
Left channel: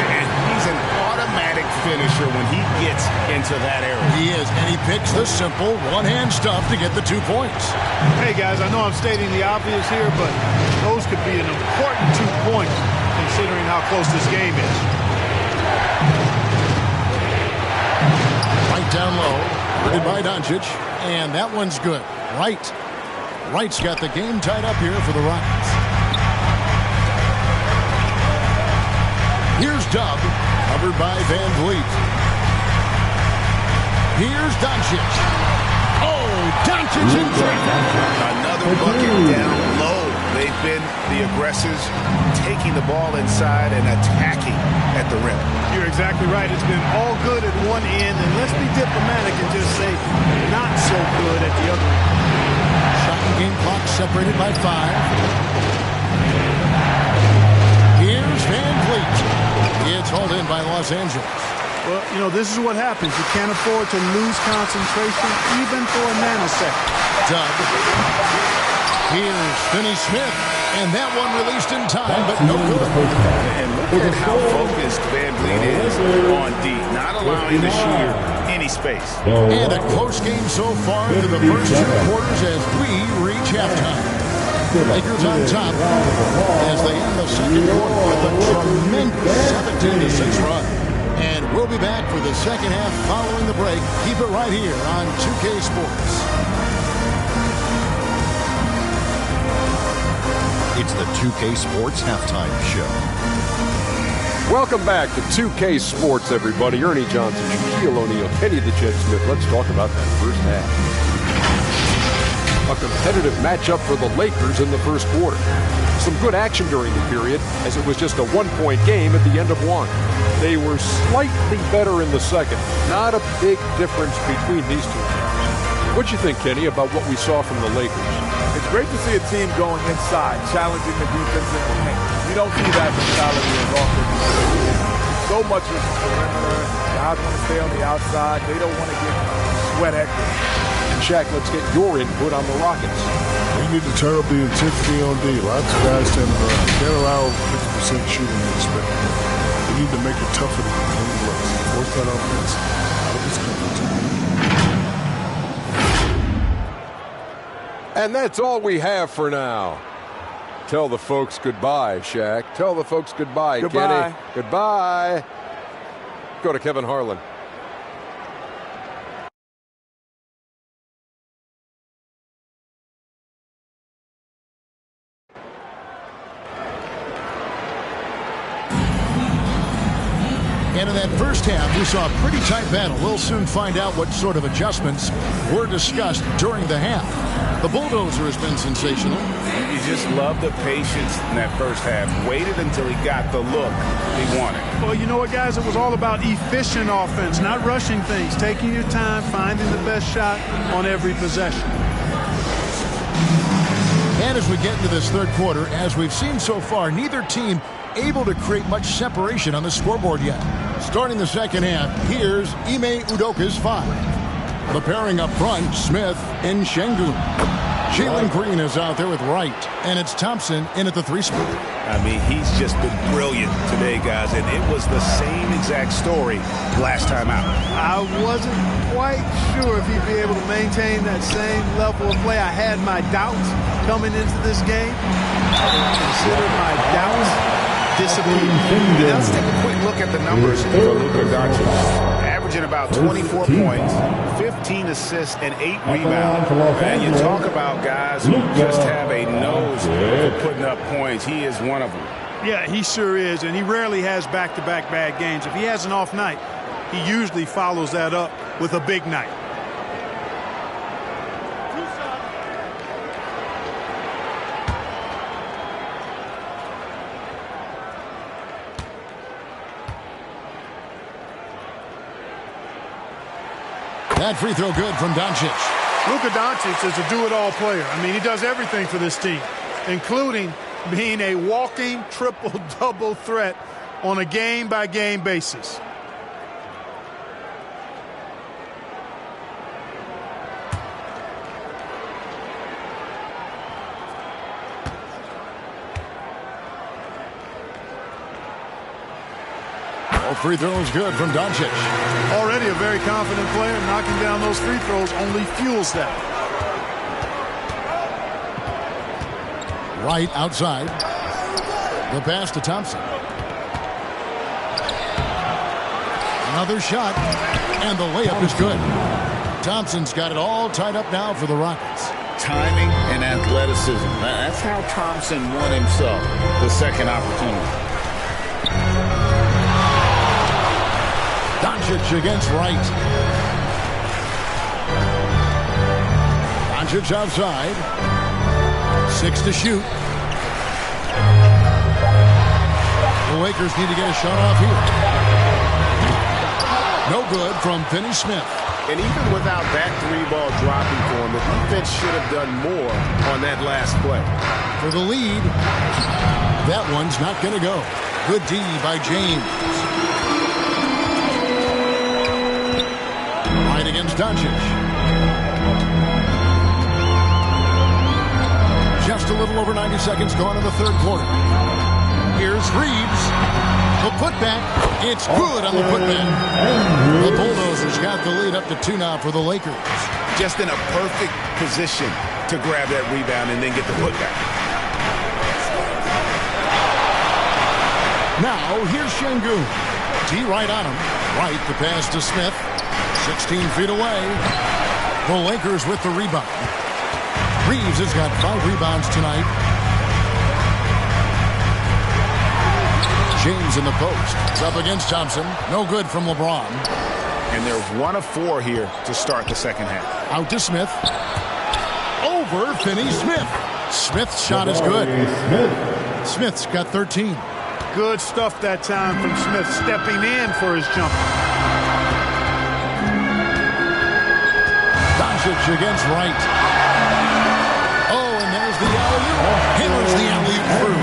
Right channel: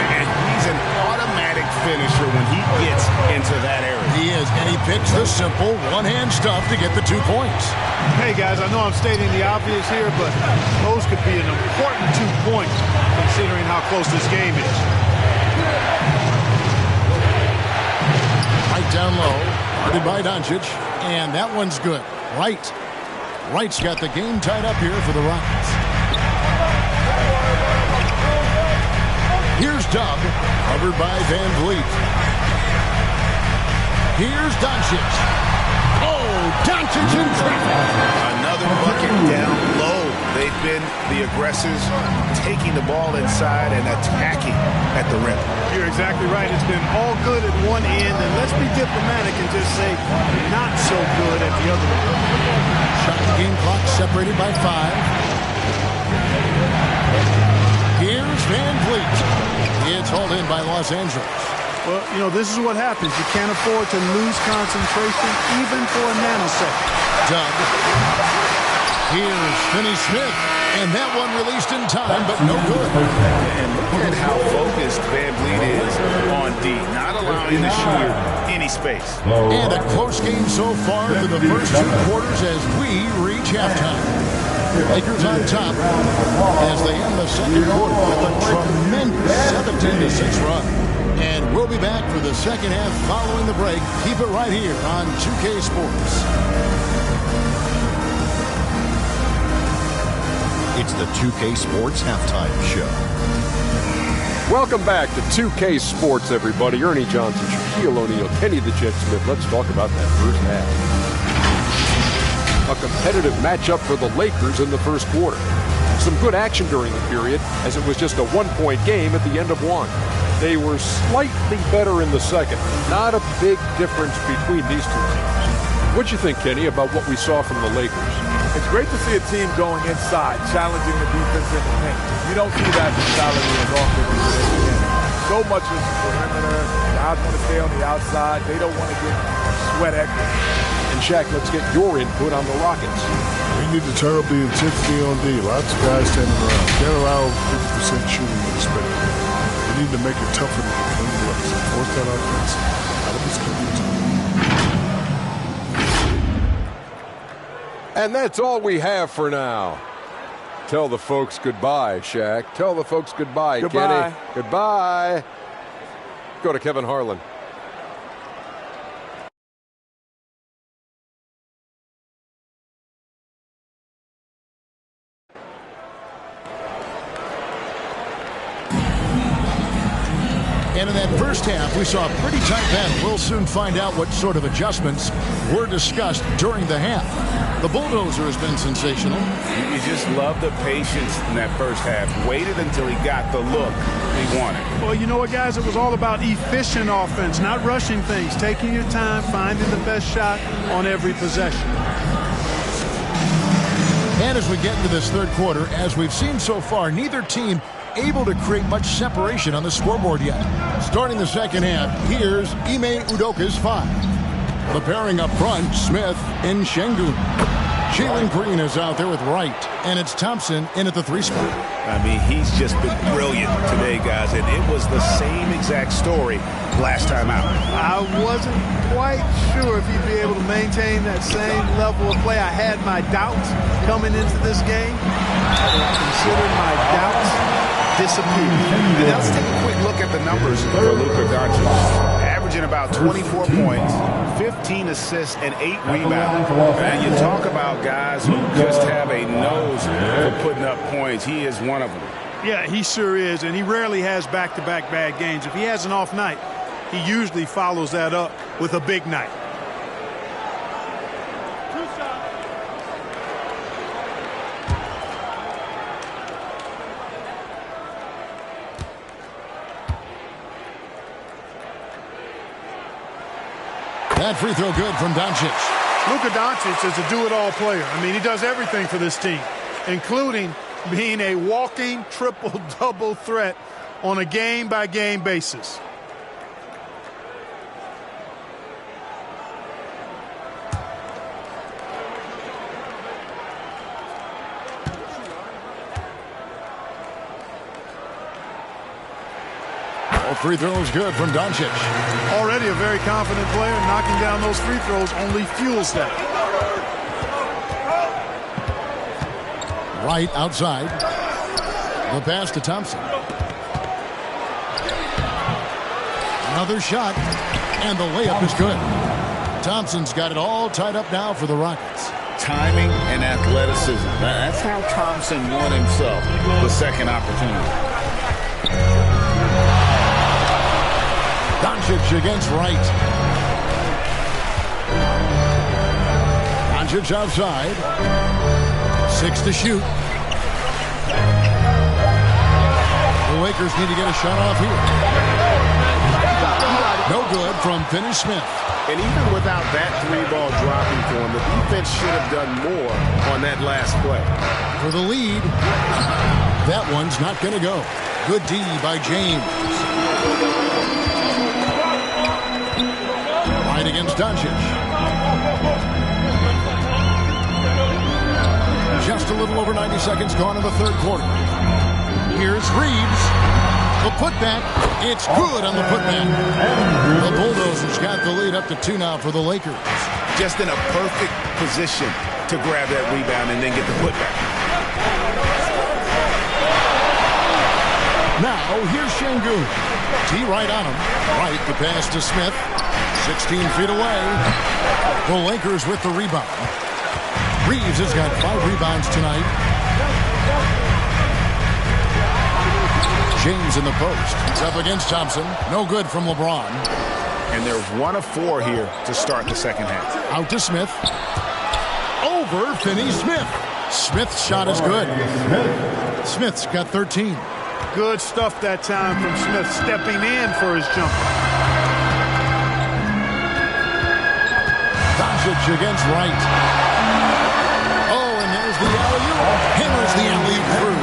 And he's an automatic finisher when he gets into that area. He is, and he picks the simple one-hand stuff to get the 2 points. Hey, guys, I know I'm stating the obvious here, but those could be an important 2 points considering how close this game is. Right down low, guarded by Doncic, and that one's good. Wright's got the game tied up here for the Rockets. Here's Dub, covered by Van Vliet. Here's Doncic. Oh, Doncic in traffic. Another bucket down low. They've been the aggressors, taking the ball inside and attacking at the rim. You're exactly right. It's been all good at one end, and let's be diplomatic and just say not so good at the other end. Shot and game clock separated by 5. Here's Van Vliet. It's hauled in by Los Angeles. Well, you know, this is what happens. You can't afford to lose concentration even for a nanosecond. Dub. Here's Finney-Smith. And that one released in time, but no good. And look at how focused Van Vliet is on D, not allowing the shooter any space. And a close game so far through the first 2 quarters as we reach halftime. Lakers on top as they end the second quarter with a tremendous 17-6 run. And we'll be back for the second half following the break. Keep it right here on 2K Sports. It's the 2K Sports Halftime Show. Welcome back to 2K Sports, everybody. Ernie Johnson, Shaquille O'Neal, Kenny the Jet Smith. Let's talk about that first half. A competitive matchup for the Lakers in the first quarter. Some good action during the period, as it was just a 1-point game at the end of one. They were slightly better in the second. Not a big difference between these two teams. What'd you think, Kenny, about what we saw from the Lakers? It's great to see a team going inside, challenging the defense in the paint. You don't see that mentality as often in today's game. So much is perimeter. Guys want to stay on the outside. They don't want to get sweat equity. And Shaq, let's get your input on the Rockets. We need to turn up the intensity on D. Lots of guys standing around. Can't allow 50% shooting in the spectrum. We need to make it tougher to get clean looks and force that offense out of his comfort zone. And that's all we have for now. Tell the folks goodbye, Shaq. Tell the folks goodbye, Goodbye. Kenny. Goodbye. Go to Kevin Harlan. And in that first half, we saw a pretty tight battle. We'll soon find out what sort of adjustments were discussed during the half. The bulldozer has been sensational. You just love the patience in that first half. Waited until he got the look he wanted. Well, you know what, guys? It was all about efficient offense, not rushing things, taking your time, finding the best shot on every possession. And as we get into this third quarter, as we've seen so far, neither team able to create much separation on the scoreboard yet. Starting the second half, here's Ime Udoka's 5. The pairing up front, Smith and Şengün. Jalen Green is out there with Wright, and it's Thompson in at the 3 spot. I mean, he's just been brilliant today, guys, and it was the same exact story last time out. I wasn't quite sure if he'd be able to maintain that same level of play. I had my doubts coming into this game. I considered my doubts disappear. And now let's take a quick look at the numbers for Luka Doncic. Averaging about 24 points, 15 assists, and 8 rebounds. And you talk about guys who just have a nose for putting up points. He is one of them. Yeah, he sure is, and he rarely has back-to-back bad games. If he has an off night, he usually follows that up with a big night. That free throw good from Doncic. Luka Doncic is a do-it-all player. I mean, he does everything for this team, including being a walking triple-double threat on a game-by-game basis. All free throws good from Doncic. Already a very confident player. Knocking down those free throws only fuels that. Wright outside. The pass to Thompson. Another shot, and the layup is good. Thompson's got it all tied up now for the Rockets. Timing and athleticism. That's how Thompson won himself the second opportunity. Doncic against Wright. Doncic outside. 6 to shoot. The Lakers need to get a shot off here. No good from Finney-Smith. And even without that 3-ball dropping for him, the defense should have done more on that last play. For the lead, that one's not going to go. Good D by James. Right against Doncic. Just a little over 90 seconds gone in the third quarter. Here's Reeves. The putback. It's good on the putback. The Bulldozers got the lead up to 2 now for the Lakers. Just in a perfect position to grab that rebound and then get the putback. Now, here's Şengün. T right on him. Right, the pass to Smith. 16 feet away. The Lakers with the rebound. Reeves has got 5 rebounds tonight. James in the post. It's up against Thompson. No good from LeBron. And they're 1 of 4 here to start the second half. Out to Smith. Over Finney-Smith. Smith's shot is good. Smith's got 13. Good stuff that time from Smith, stepping in for his jumper. Doncic against Wright. Oh, and there's the alley-oop. Hammers the alley-oop through.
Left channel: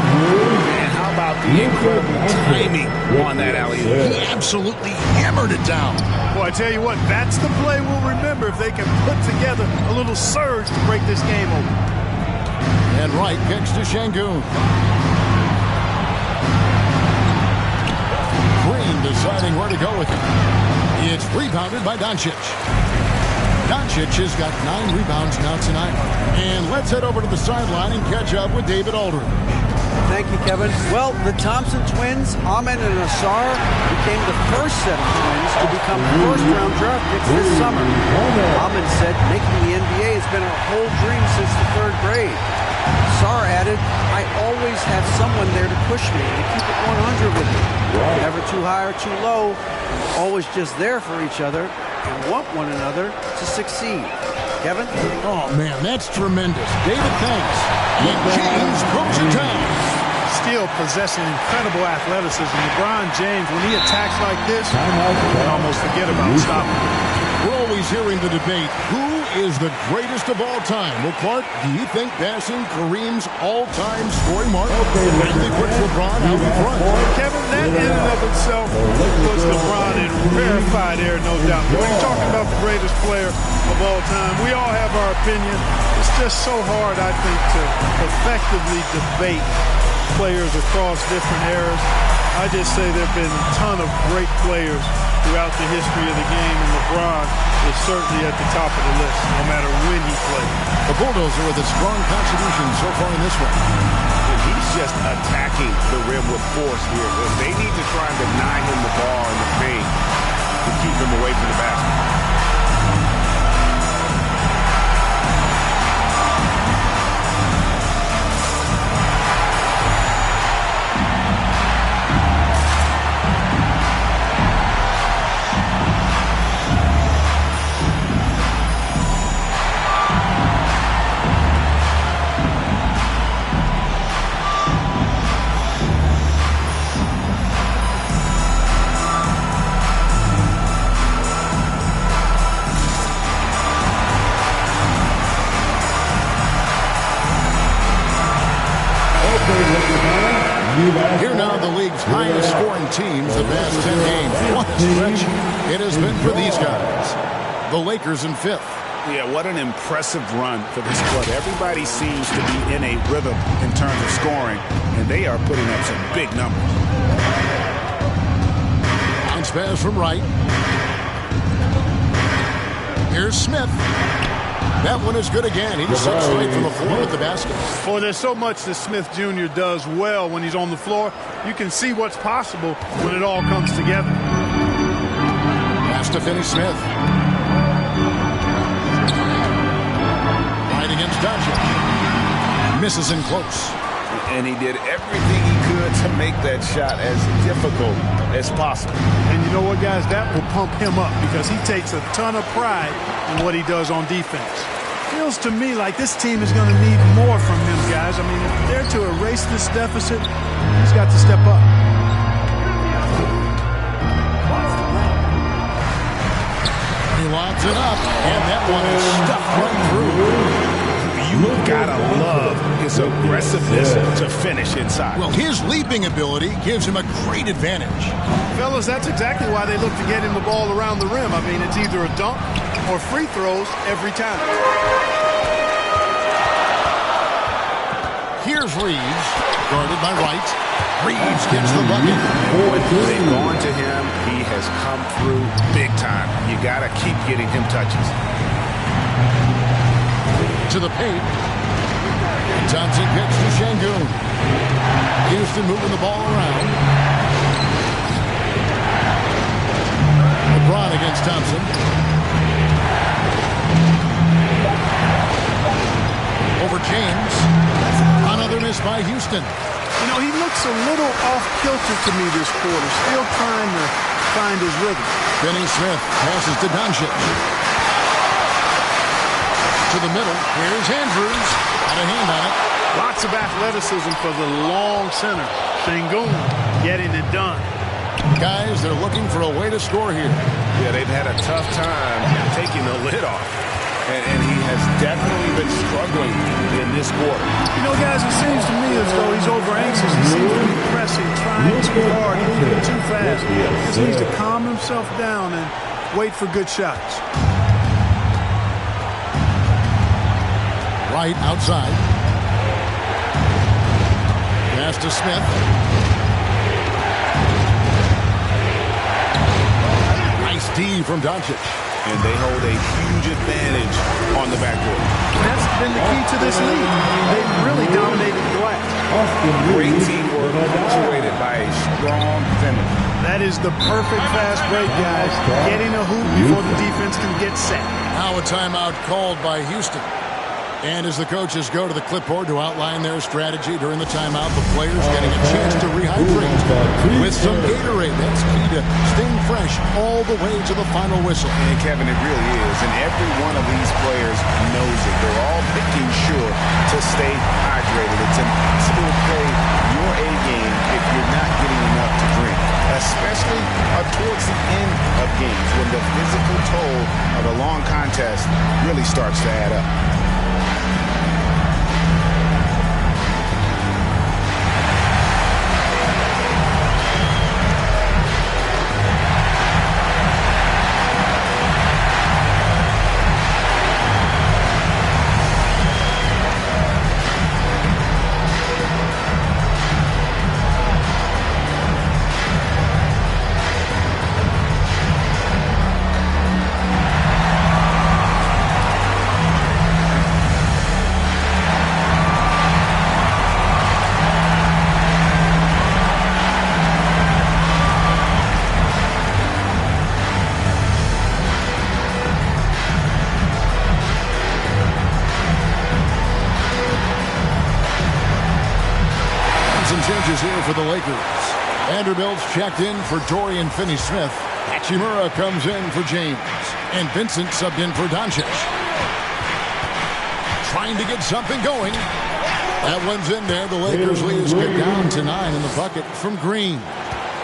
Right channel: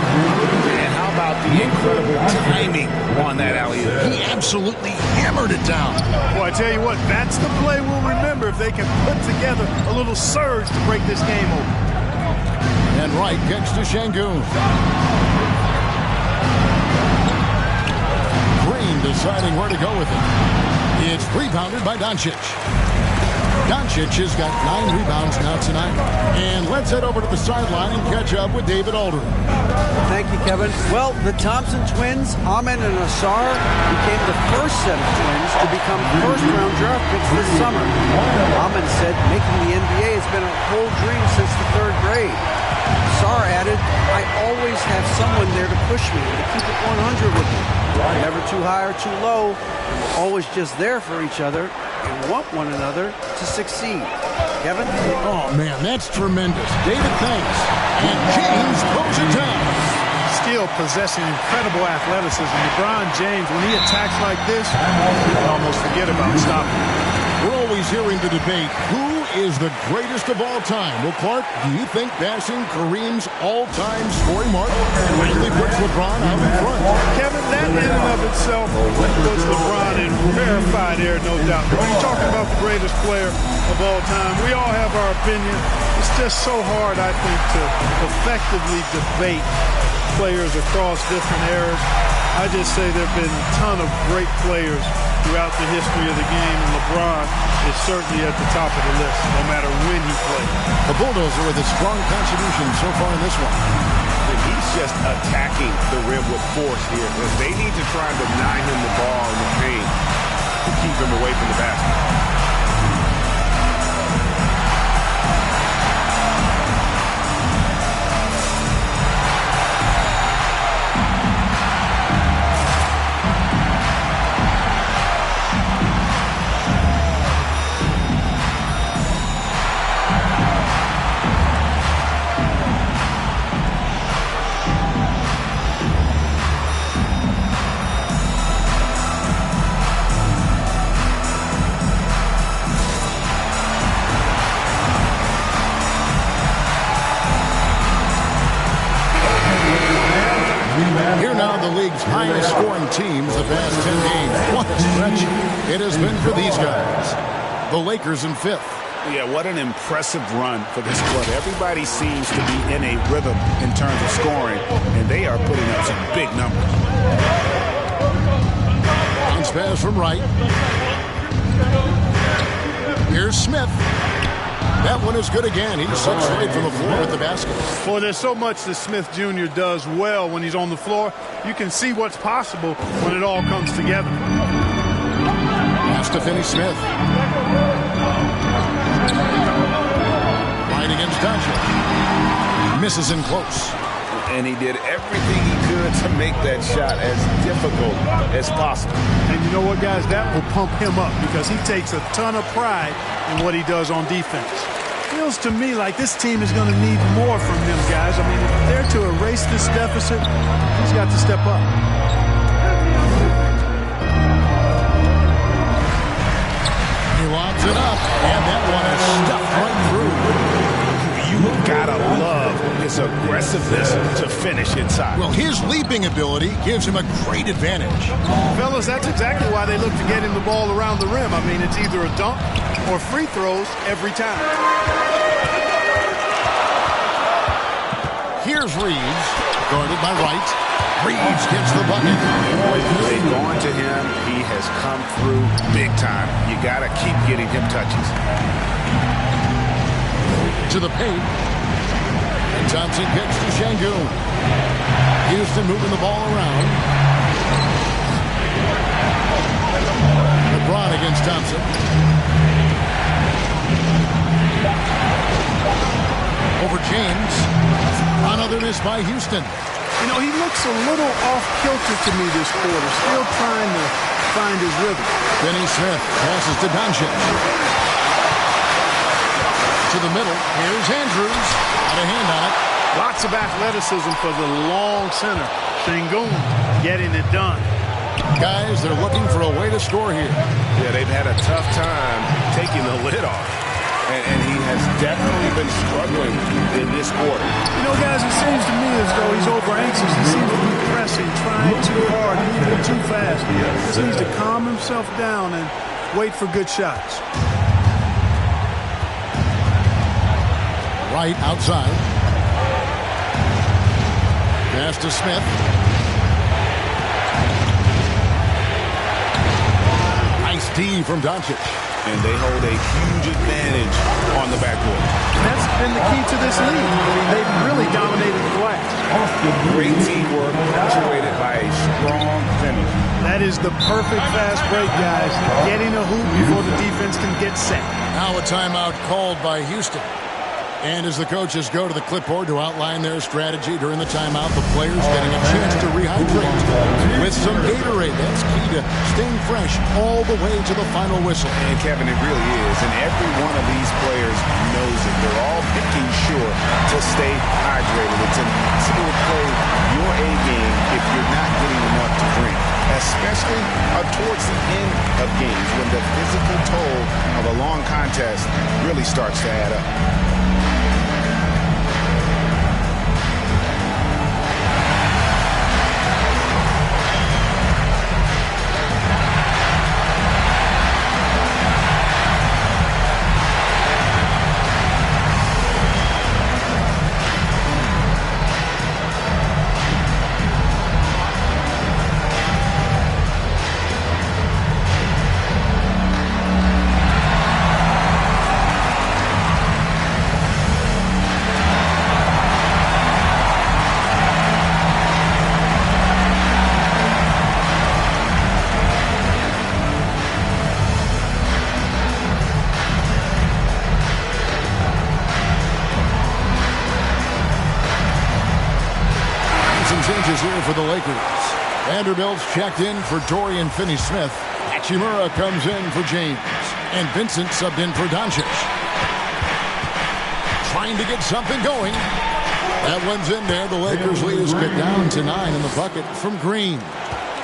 And how about the incredible timing on that alley-oop? He absolutely hammered it down. Boy, I tell you what, that's the play we'll remember if they can put together a little surge to break this game open. And Wright kicks to Şengün. Green deciding where to go with it. It's rebounded by Doncic. Doncic has got 9 rebounds now tonight. And let's head over to the sideline and catch up with David Aldridge. Thank you, Kevin. Well, the Thompson twins, Ahmed and Ausar, became the first set of twins to become first-round draft picks this summer. Ahmed said making the NBA has been a whole dream since the 3rd grade. Ausar added, I always have someone there to push me and to keep it 100 with me. Never too high or too low, and we're always just there for each other and want one another to succeed. Kevin? Oh, man, that's tremendous. David, thanks. And James throws it down. Still possessing incredible athleticism. LeBron James, when he attacks like this, you can almost forget about stopping. We're always hearing the debate, who is the greatest of all time? Well, Clark, do you think passing Kareem's all-time scoring mark finally puts LeBron out in front? Kevin, that in and of itself puts LeBron in rarefied air, no doubt. But when you're talking about the greatest player of all time, we all have our opinion. It's just so hard, I think, to effectively debate players across different eras. I just say there have been a ton of great players throughout the history of the game, and LeBron is certainly at the top of the list, no matter when he played. The Bulldozer with a strong contribution so far in this one. And he's just attacking the rim with force here. They need to try and deny him the ball in the paint to keep him away from the basket. Here now the league's highest scoring teams the past 10 games. What a stretch it has been for these guys. The Lakers in 5th. Yeah, what an impressive run for this club. Everybody seems to be in a rhythm in terms of scoring, and they are putting up some big numbers. Bounce pass from Wright. Here's Smith. That one is good again. He's 6 straight from the floor with the basket. Well, there's so much that Smith Jr. does well when he's on the floor. You can see what's possible when it all comes together. Pass to Finney Smith. Right against Doncic. Misses in close. And he did everything he could to make that shot as difficult as possible. And you know what, guys? That will pump him up because he takes a ton of pride in what he does on defense. Feels to me like this team is going to need more from him, guys. I mean, if they're to erase this deficit, he's got to step up. He lobs it up, and that one is stuffed right through. You've got to love his aggressiveness to finish inside. Well, his leaping ability gives him a great advantage. Fellas, that's exactly why they look to get him the ball around the rim. I mean, it's either a dunk or free throws every time. Here's Reeves, guarded by Wright. Reeves gets the bucket. They've gone to him. He has come through big time. You got to keep getting him touches. To the paint. And Thompson kicks to Şengün. Houston moving the ball around. LeBron against Thompson. Over James. Another miss by Houston. You know, he looks a little off-kilter to me this quarter. Still trying to find his rhythm. Finney Smith passes to Doncic. To the middle. Here's Andrews. Got a hand on it. Lots of athleticism for the long center. Şengün getting it done. Guys, they're looking for a way to score here. Yeah, they've had a tough time taking the lid off. and he has definitely been struggling in this quarter. You know, guys, it seems to me as though he's over-anxious. He seems to be pressing, trying too hard, moving too fast. He just needs to calm himself down and wait for good shots. Right outside. Pass to Smith. Nice D from Doncic. And they hold a huge advantage on the backcourt. That's been the key to this league. I mean, they've really dominated the glass. Great teamwork punctuated by a strong finish. That is the perfect fast break, guys. Getting a hoop before the defense can get set. Now a timeout called by Houston. And as the coaches go to the clipboard to outline their strategy during the timeout, the players getting a chance to rehydrate with some Gatorade. That's key to staying fresh all the way to the final whistle. And Kevin, it really is. And every one of these players knows it. They're all making sure to stay hydrated. It's impossible to play your A game if you're not getting enough to drink, especially towards the end of games when the physical toll of a long contest really starts to add up. Some changes here for the Lakers. Vanderbilt's checked in for Dorian Finney-Smith. Hachimura comes in for James. And Vincent subbed in for Doncic. Trying to get something going. That one's in there. The Lakers lead is cut down to 9 in the bucket from Green.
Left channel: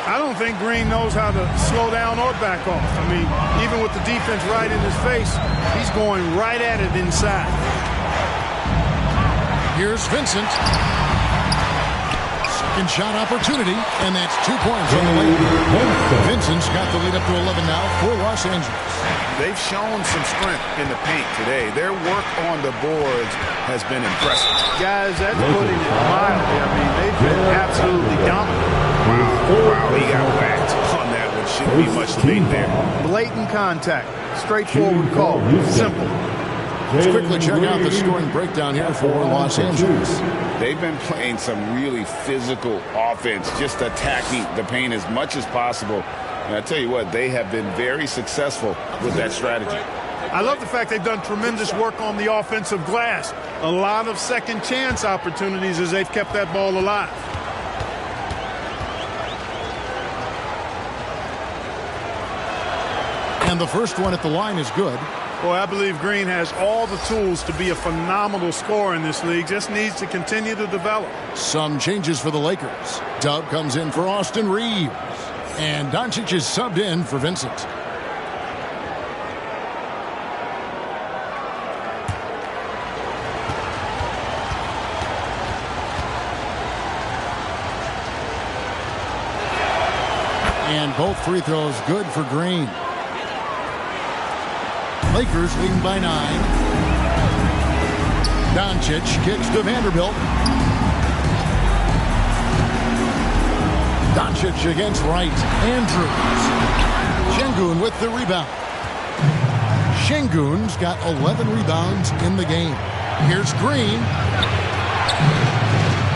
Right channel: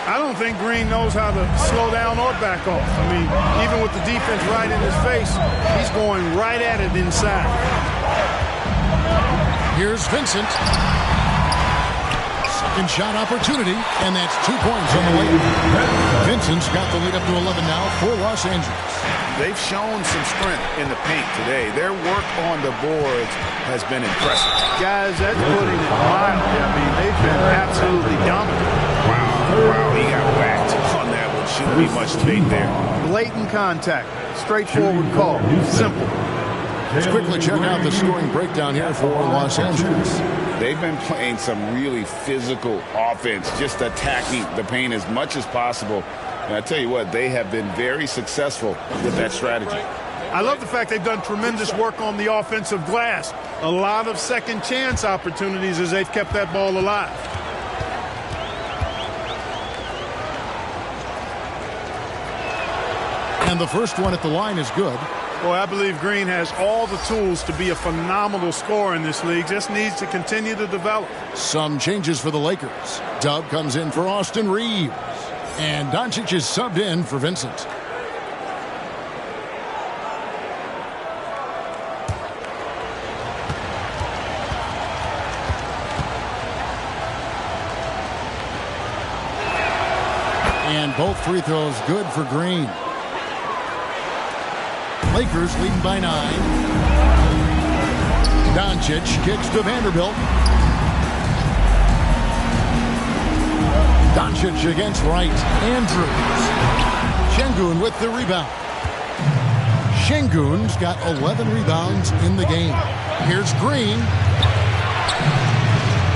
I don't think Green knows how to slow down or back off. I mean, even with the defense right in his face, he's going right at it inside. Here's Vincent. Second shot opportunity, and that's 2 points on the way. Vincent's got the lead up to 11 now for Los Angeles. They've shown some strength in the paint today. Their work on the boards has been impressive. Guys, that's putting it mildly. I mean, they've been absolutely dominant. Wow, he got backed on that one. Shouldn't be much debate there. Blatant contact. Straightforward call. Simple. Let's quickly check out the scoring breakdown here for Los Angeles. They've been playing some really physical offense, just attacking the paint as much as possible. And I tell you what, they have been very successful with that strategy. I love the fact they've done tremendous work on the offensive glass. A lot of second chance opportunities as they've kept that ball alive. And the first one at the line is good. Boy, I believe Green has all the tools to be a phenomenal scorer in this league. Just needs to continue to develop. Some changes for the Lakers. Dub comes in for Austin Reeves. And Doncic is subbed in for Vincent. And both free throws good for Green. Lakers leading by 9. Doncic kicks to Vanderbilt. Doncic against Wright. Andrews. Şengün with the rebound. Şengün's got 11 rebounds in the game. Here's Green.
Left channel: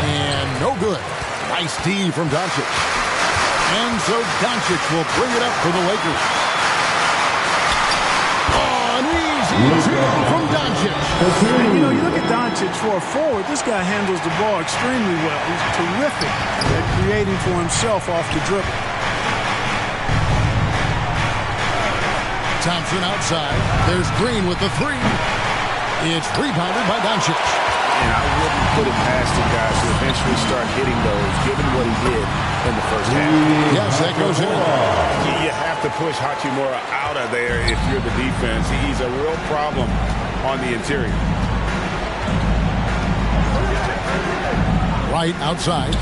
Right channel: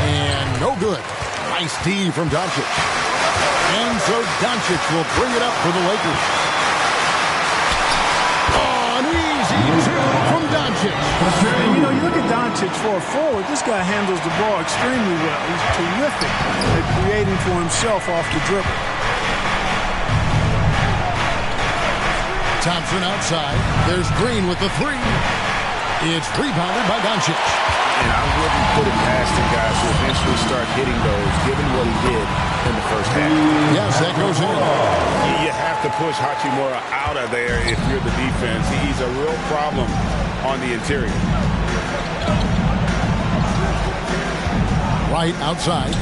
And no good. Nice D from Doncic. And so Doncic will bring it up for the Lakers. Two from Doncic. And, you know, you look at Doncic for a forward, this guy handles the ball extremely well. He's terrific at creating for himself off the dribble. Thompson outside. There's Green with the three. It's rebounded by Doncic. And I wouldn't put it past him, guys, to eventually start hitting those, given what he did in the first half. Yes, that goes in. You have to push Hachimura out of there if you're the defense. He's a real problem on the interior. Right outside.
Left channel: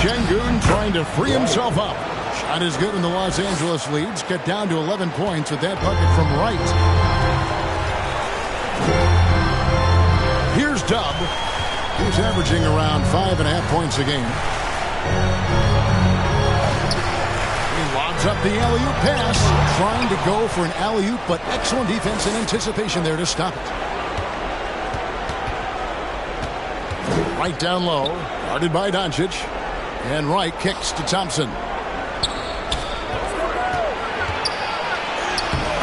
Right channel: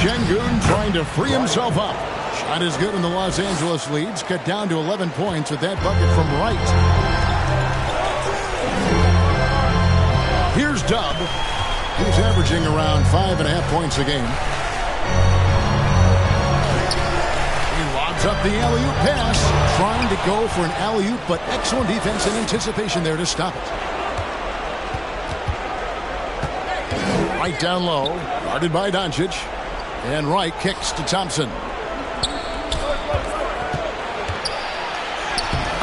Şengün trying to free himself up. Shot is good, and the Los Angeles leads get down to 11 points with that bucket from Wright. Here's Dub. He's averaging around 5.5 points a game. He lobs up the alley-oop pass, trying to go for an alley-oop, but excellent defense and anticipation there to stop it. Right down low, guarded by Doncic. And Wright kicks to Thompson.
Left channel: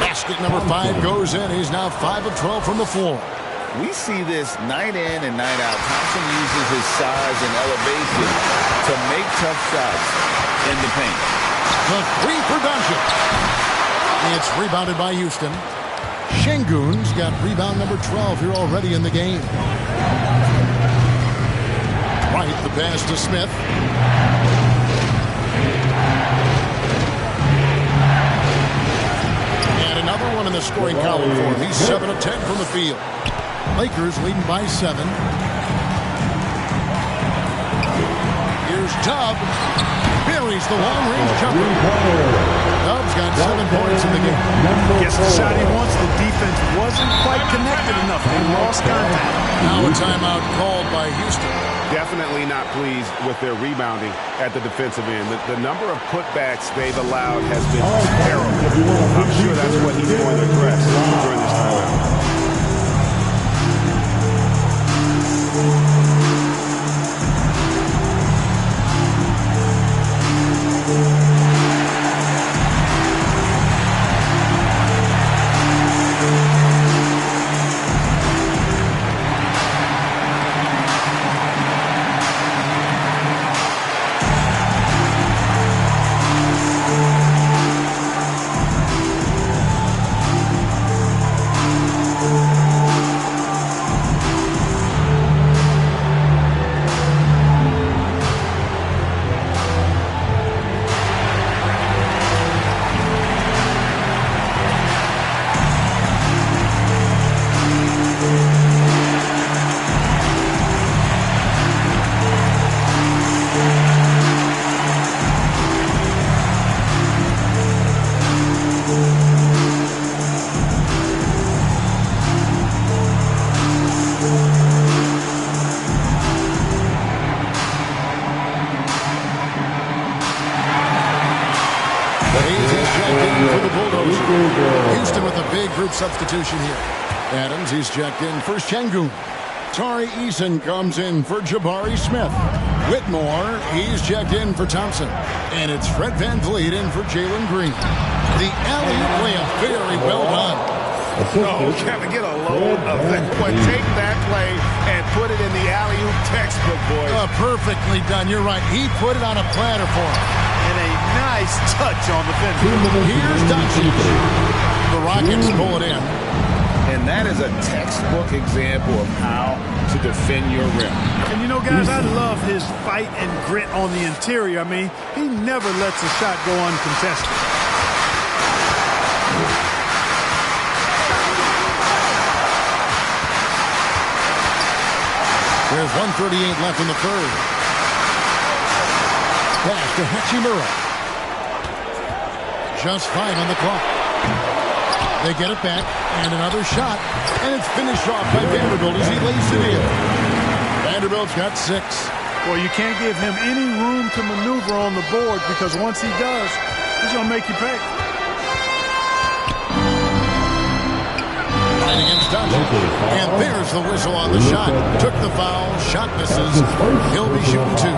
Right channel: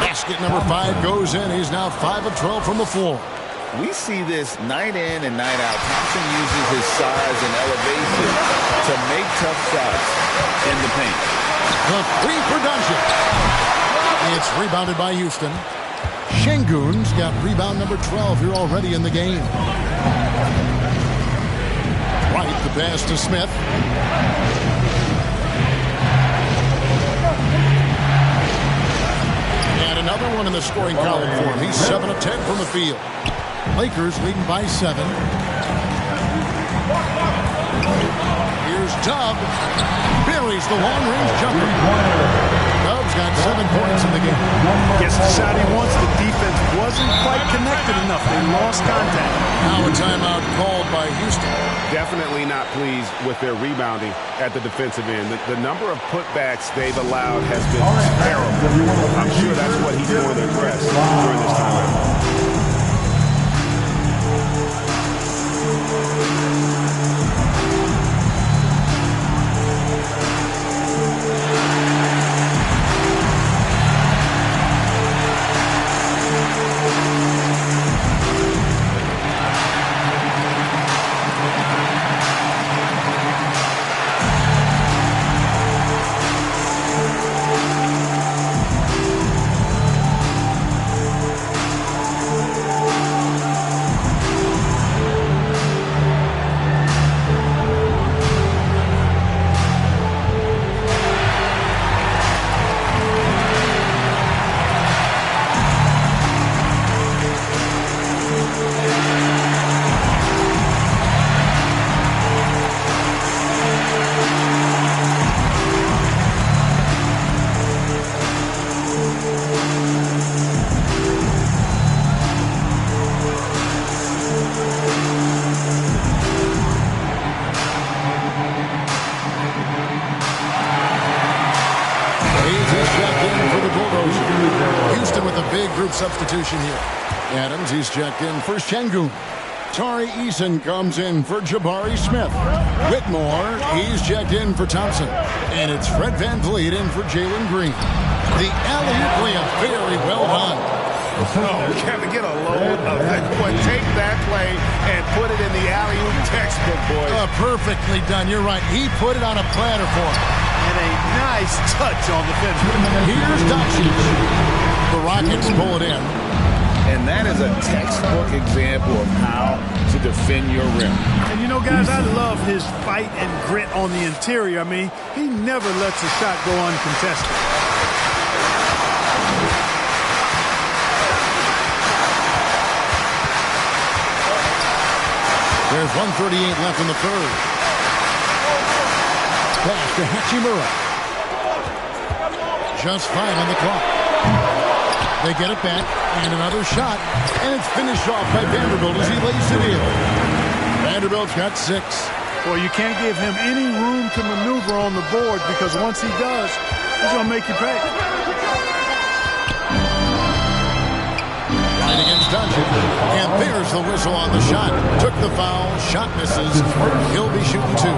Basket number 5 goes in. He's now 5 of 12 from the floor. We see this night in and night out. Thompson uses his size and elevation to make tough shots in the paint. The 3 for Doncic. It's rebounded by Houston. Şengün's got rebound number 12 here already in the game. Wright, the pass to Smith. And another one in the scoring column for him. He's 7 of 10 from the field. Lakers leading by 7. Here's Dub. Buries the long-range jumper. Dub's got 7 points in the game. Gets the shot he wants. The defense wasn't quite connected enough. They lost contact. Now a timeout called by Houston. Definitely not pleased with their rebounding at the defensive end. The number of putbacks they've allowed has been terrible. I'm sure that's what he's going to address during this timeout. Houston with a big group substitution here. Adams, he's checked in for Şengün. Tari Eason comes in for Jabari Smith. Whitmore, he's checked in for Thompson. And it's Fred VanVleet in for Jalen Green. The alley-oop layup, very well done. Oh, Kevin, get a load of that one. Take that play and put it in the alley-oop textbook, boys. Perfectly done. You're right. He put it on a platter for him. And a nice touch on the finish. Here's Doncic. The Rockets pull it in. And that is a textbook example of how to defend your rim. And you know, guys, I love his fight and grit on the interior. I mean, he never lets a shot go uncontested. There's 1:38 left in the third. Pass to Hachimura. Just 5 on the clock. They get it back, and another shot, and it's finished off by Vanderbilt as he lays it in. Vanderbilt's got 6. Well, you can't give him any room to maneuver on the board because once he does, he's going to make you pay. Right against Doncic, and there's the whistle on the shot. Took the foul, shot misses. He'll be shooting 2.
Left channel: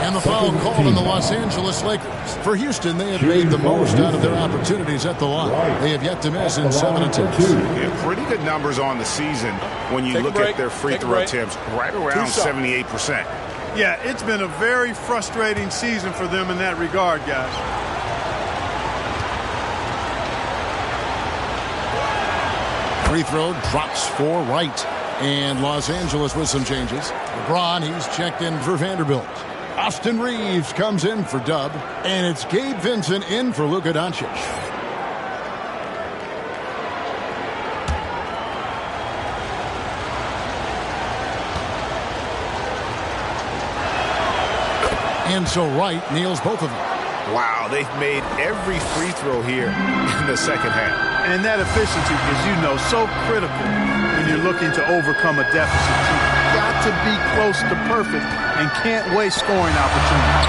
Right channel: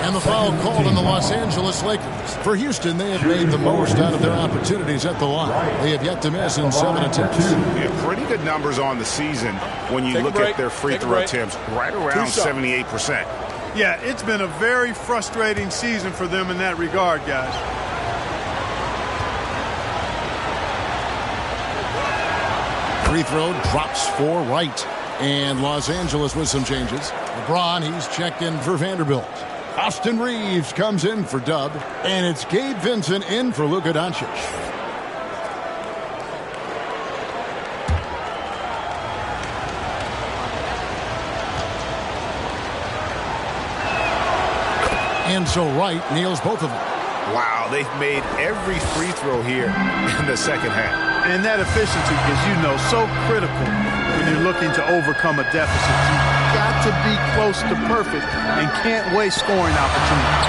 And the foul called on the Los Angeles Lakers. For Houston, they have made the most out of their opportunities at the line. They have yet to miss in 7 attempts. Yeah, pretty good numbers on the season when you look at their free throw attempts, right around 78%. Yeah, it's been a very frustrating season for them in that regard, guys. Free throw drops for Wright. And Los Angeles with some changes. LeBron, he's checked in for Vanderbilt. Austin Reeves comes in for Dub. And it's Gabe Vincent in for Luka Doncic. And so Wright nails both of them. Wow, they've made every free throw here in the second half. And that efficiency is, so critical when you're looking to overcome a deficit. You've got to be close to perfect and can't waste scoring opportunities.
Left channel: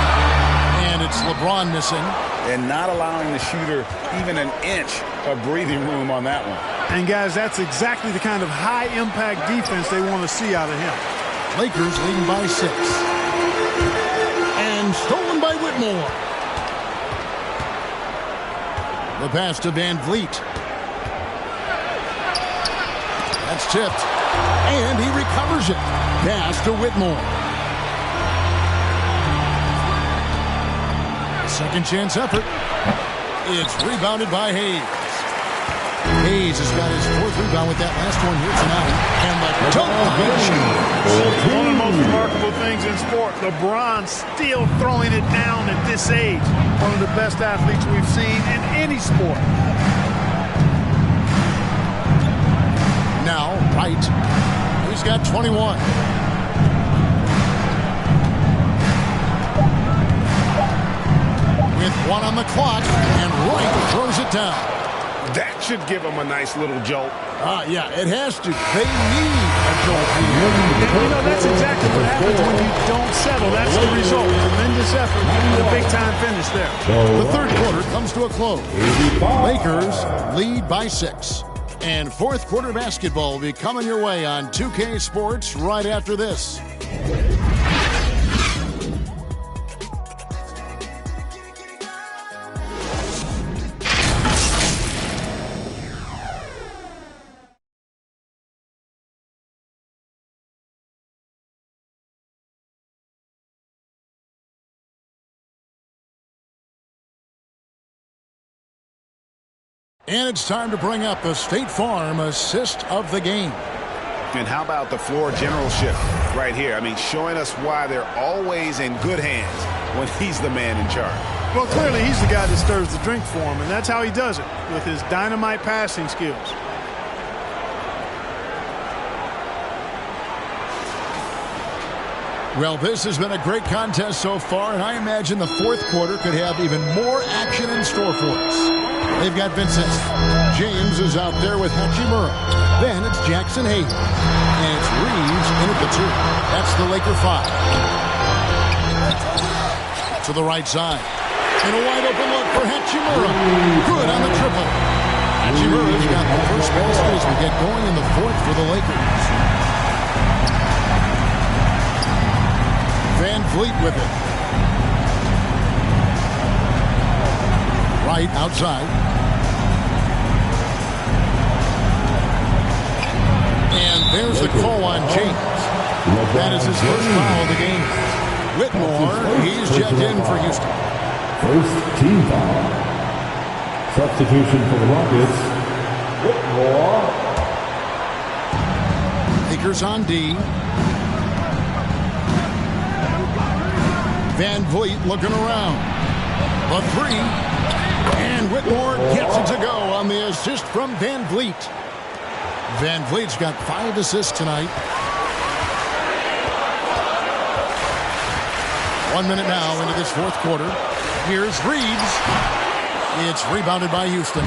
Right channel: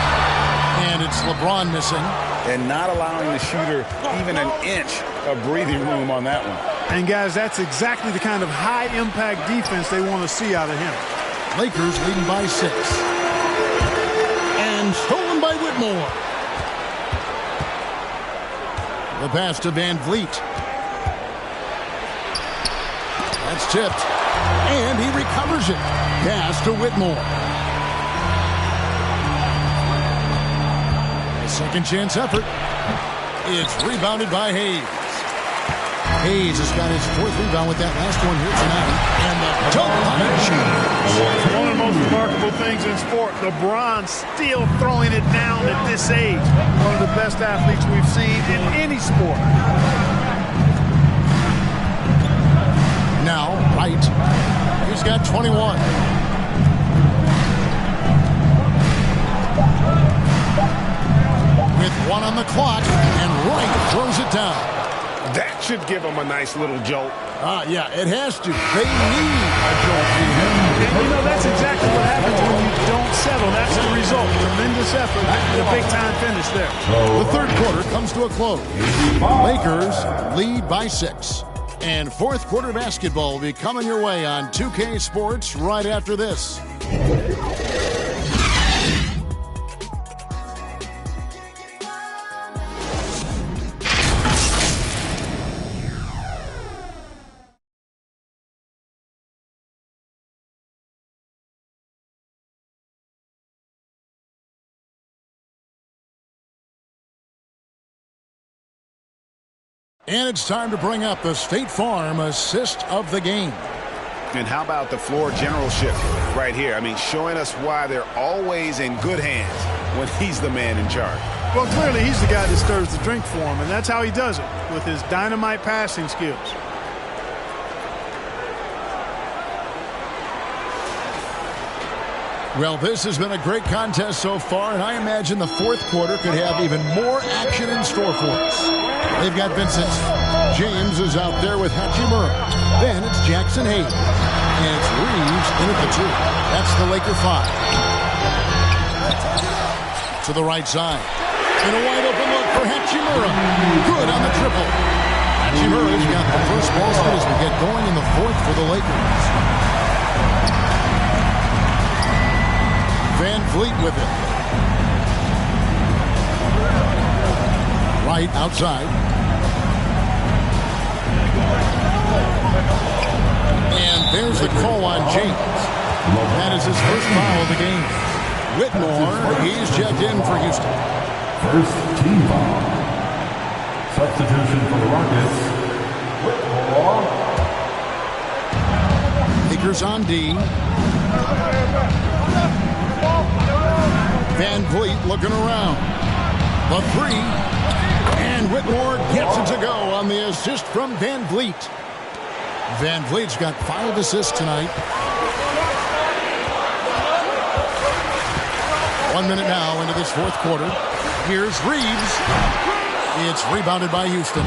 And it's LeBron missing. And not allowing the shooter even an inch of breathing room on that one. And, guys, that's exactly the kind of high-impact defense they want to see out of him. Lakers leading by 6. And stolen by Whitmore. The pass to Van Vliet. That's tipped. And he recovers it. Pass to Whitmore. A second chance effort. It's rebounded by Hayes. Hayes has got his 4th rebound with that last one here tonight. And the dunk by James. One of the most remarkable things in sport, LeBron still throwing it down at this age. One of the best athletes we've seen in any sport. Now, Wright. He's got 21. With 1 on the clock, and Wright throws it down. That should give them a nice little jolt. Yeah, it has to. They need a jolt here. And, that's exactly what happens when you don't settle. That's the result. Tremendous effort and a big-time finish there. The third quarter comes to a close. Lakers lead by 6. And fourth quarter basketball will be coming your way on 2K Sports right after this. And it's time to bring up the State Farm assist of the game. And how about the floor generalship right here? I mean, showing us why they're always in good hands when he's the man in charge. Well, clearly he's the guy that stirs the drink for him, and that's how he does it, with his dynamite passing skills. Well, this has been a great contest so far, and I imagine the fourth quarter could have even more action in store for us. They've got Vincent. James is out there with Hachimura. Then it's Jackson Hayes. And it's Reeves in at the 2. That's the Laker 5. To the right side. And a wide open look for Hachimura. Good on the triple. Hachimura's got the first basket as we get going in the fourth for the Lakers. Van Vliet with it. Right outside. And there's the call on James. That is his first foul of the game. Whitmore, he's checked in for Houston. First team foul. Substitution for the Rockets. Whitmore. Lakers on D. Van Vliet looking around. The 3. And Whitmore gets it to go on the assist from Van Vliet. Van Vliet's got 5 assists tonight. 1 minute now into this fourth quarter. Here's Reeves. It's rebounded by Houston.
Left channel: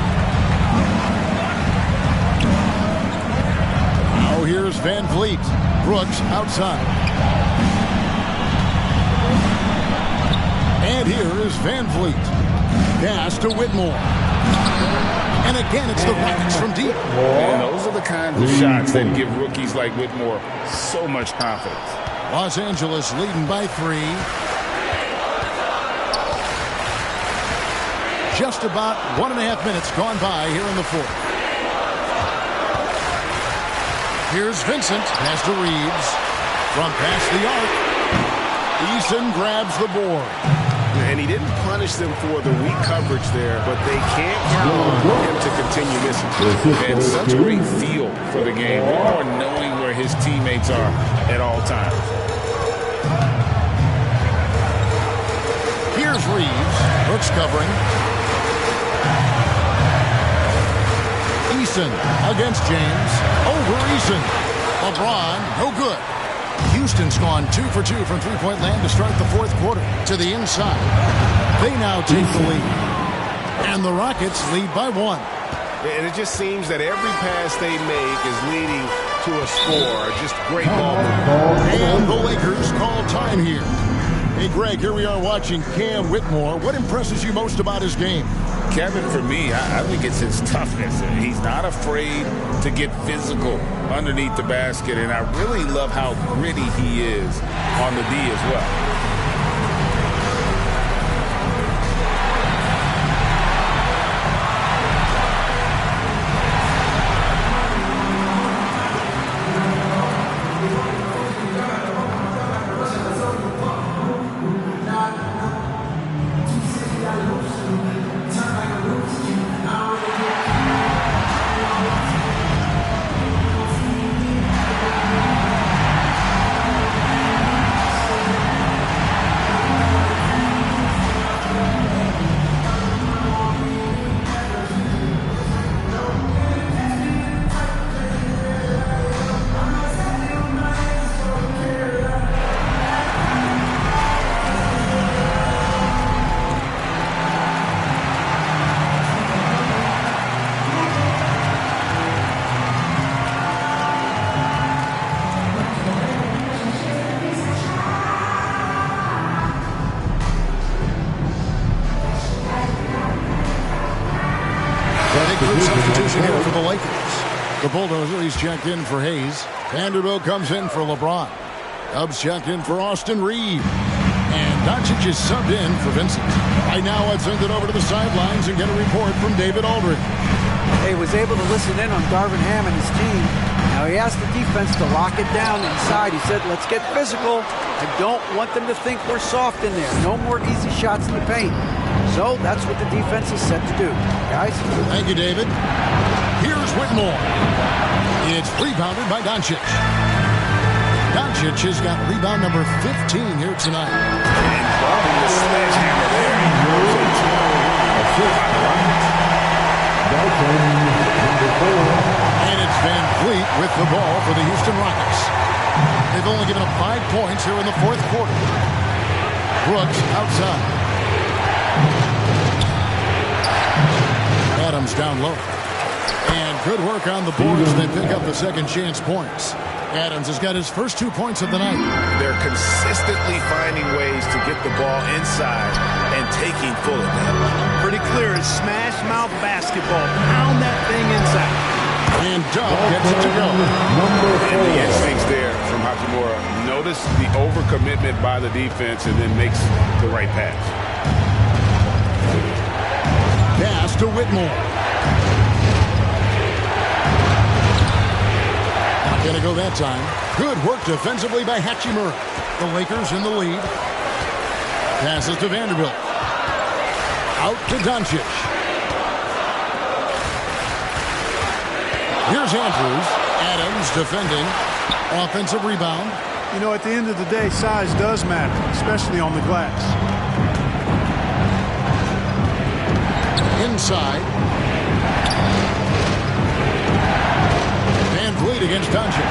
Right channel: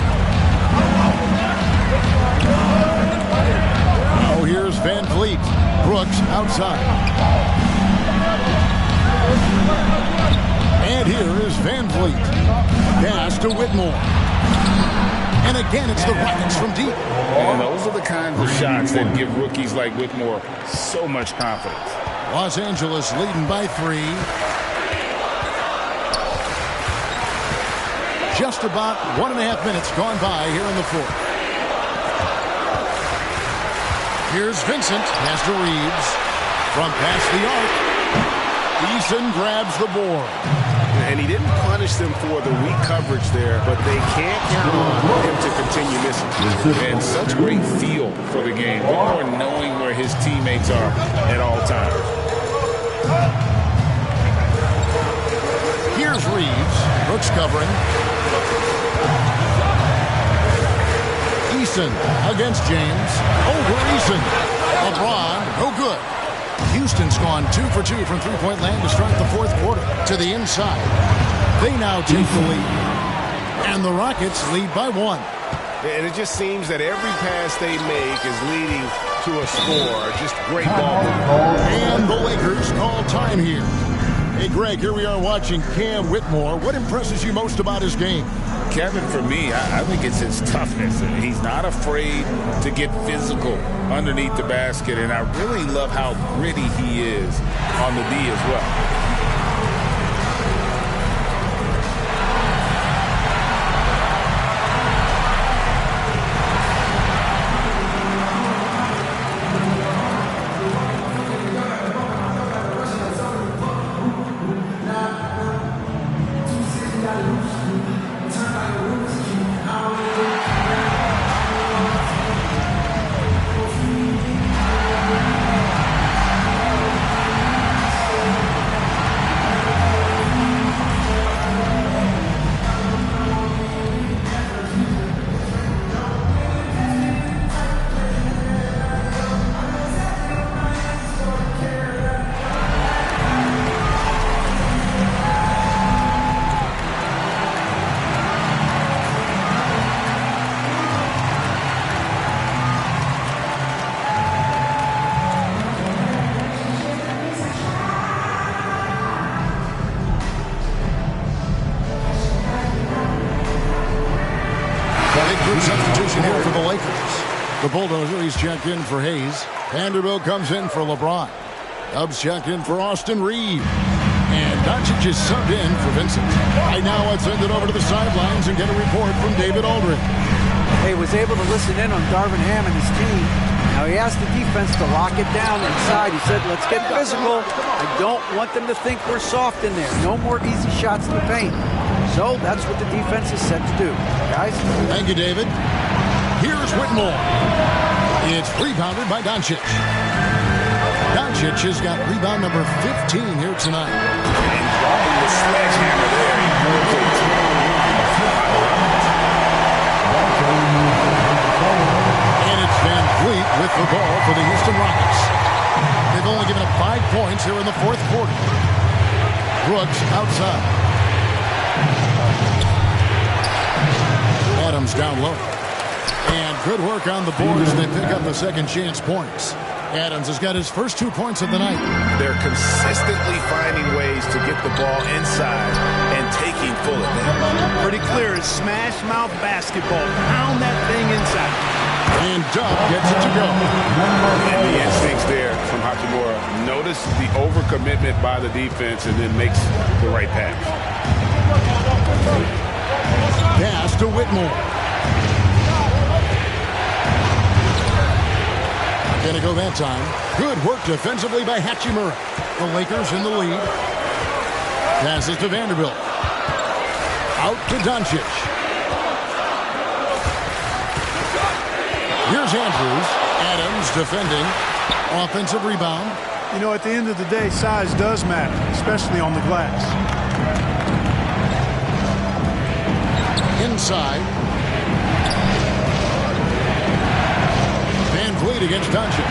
Now here's Van Vliet. Brooks outside. And here is Van Vliet. Pass to Whitmore. And again, it's the Rockets from deep. And those are the kinds of shots that give rookies like Whitmore so much confidence. Los Angeles leading by 3. Just about 1.5 minutes gone by here in the fourth. Here's Vincent. Pass to Reeves. From past the arc. Eason grabs the board. And he didn't punish them for the weak coverage there, but they can't count on him to continue missing. And such great feel for the game. Whitmore knowing where his teammates are at all times. Here's Reeves. Brooks covering. Eason against James. Over Eason. LeBron, no good. Houston's gone 2 for 2 from three-point land to start the fourth quarter. To the inside. They now take the lead. And the Rockets lead by 1. And it just seems that every pass they make is leading to a score. Just great ball movement. And the Lakers call time here. Hey, Greg, here we are watching Cam Whitmore. What impresses you most about his game? Kevin, for me, I think it's his toughness. He's not afraid to get physical underneath the basket, and I really love how gritty he is on the D as well. Substitution here for the Lakers. The Bulldozer, he's checked in for Hayes. Vanderbilt comes in for LeBron. Dubs checked in for Austin Reeves. And Doncic is subbed in for Vincent. Right now, let's send it over to the sidelines and get a report from David Aldridge. He was able to listen in on Darvin Ham and his team. Now he asked the defense to lock it down inside. He said, let's get physical. I don't want them to think we're soft in there. No more easy shots in the paint. So that's what the defense is set to do. Guys? Thank you, David. Here's Whitmore. It's rebounded by Doncic. Doncic has got rebound number 15 here tonight. And dropping the sledgehammer there. He curves a 10-0 run by the Rockets. And it's Van Vliet with the ball for the Houston Rockets. They've only given up 5 points here in the fourth quarter. Brooks outside. Adams down low. And good work on the boards. They pick up the second chance points. Adams has got his first 2 points of the night. They're consistently finding ways to get the ball inside and taking full advantage. Pretty clear. It's smash mouth basketball. Pound that thing inside. And Dub gets it to go. And the instincts there from Hachimura. Notice the overcommitment by the defense and then makes the right pass. Pass to Whitmore. Not going to go that time. Good work defensively by Hachimura. The Lakers in the lead. Passes to Vanderbilt. Out to Doncic. Here's Andrews. Adams defending. Offensive rebound. You know, at the end of the day, size does matter, especially on the glass. Inside. Van Vliet against Doncic.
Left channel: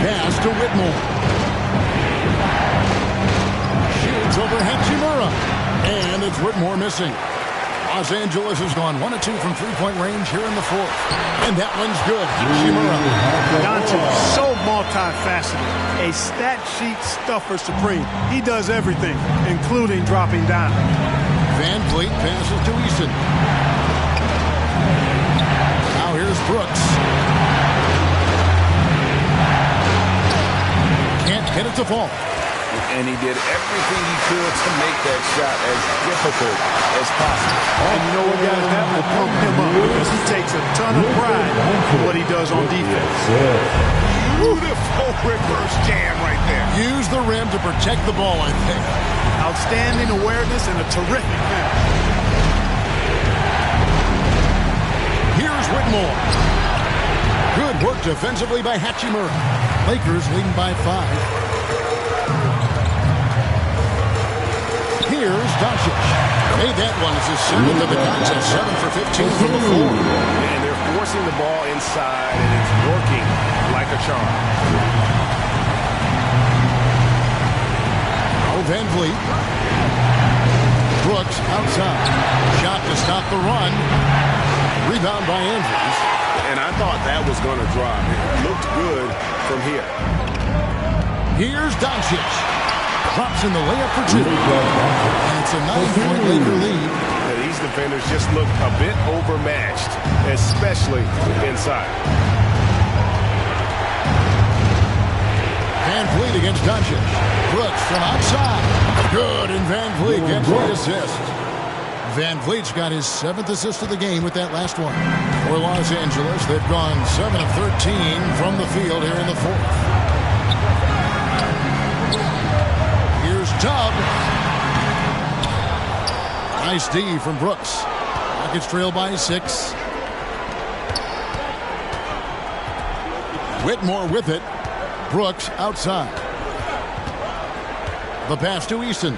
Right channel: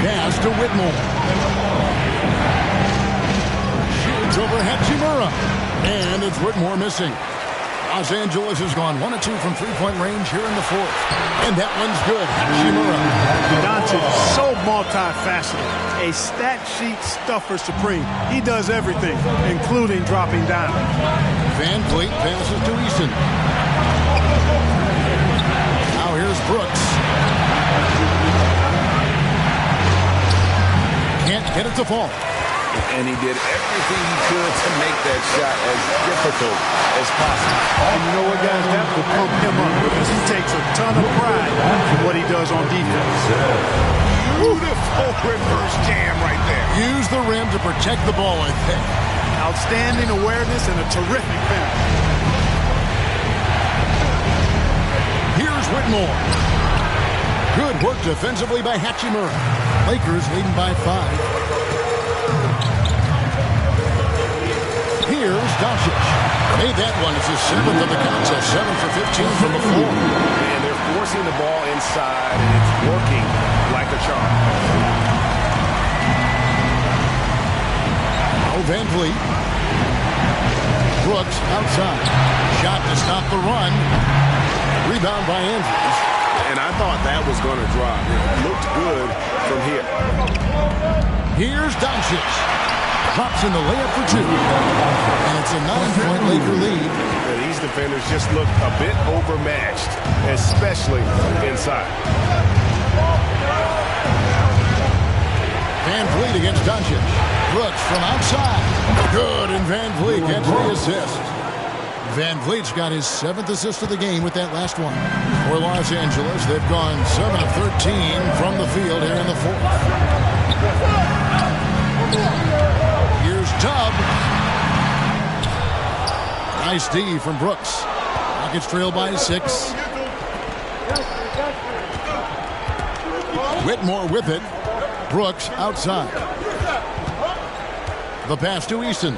Pass to Whitmore. Shoots over Hachimura. And it's Whitmore missing. Los Angeles has gone 1 of 2 from three-point range here in the fourth. And that one's good. Hachimura. Doncic, so multifaceted. A stat sheet stuffer supreme. He does everything, including dropping down. Van Vliet passes to Easton. Now here's Brooks. Can't get it to fall. And he did everything he could to make that shot as difficult as possible. And you know what, guys? That will pump him up because he takes a ton of pride in what he does on defense. Beautiful reverse jam right there. Use the rim to protect the ball, I think. Outstanding awareness and a terrific finish. Here's Whitmore. Good work defensively by Hachimura. Lakers leading by 5. Here's Doncic. Made that one. It's his 7th of the contest. 7 for 15 from the floor. Man, they're forcing the ball inside, and it's working like a charm. Now Van Vliet. Brooks outside. Shot to stop the run. Rebound by Andrews. And I thought that was going to drop. It looked good from here. Here's Doncic. Drops in the layup for 2. And it's a 9-point Laker lead. Yeah, these defenders just looked a bit overmatched, especially inside. Van Vliet against Doncic. Brooks from outside. Good, and Van Vliet gets the assist. Van Vliet's got his 7th assist of the game with that last one. For Los Angeles, they've gone 7 of 13 from the field here in the 4th. Here's Tubb. Nice D from Brooks. Rockets trail by 6. Whitmore with it. Brooks outside. The pass to Easton.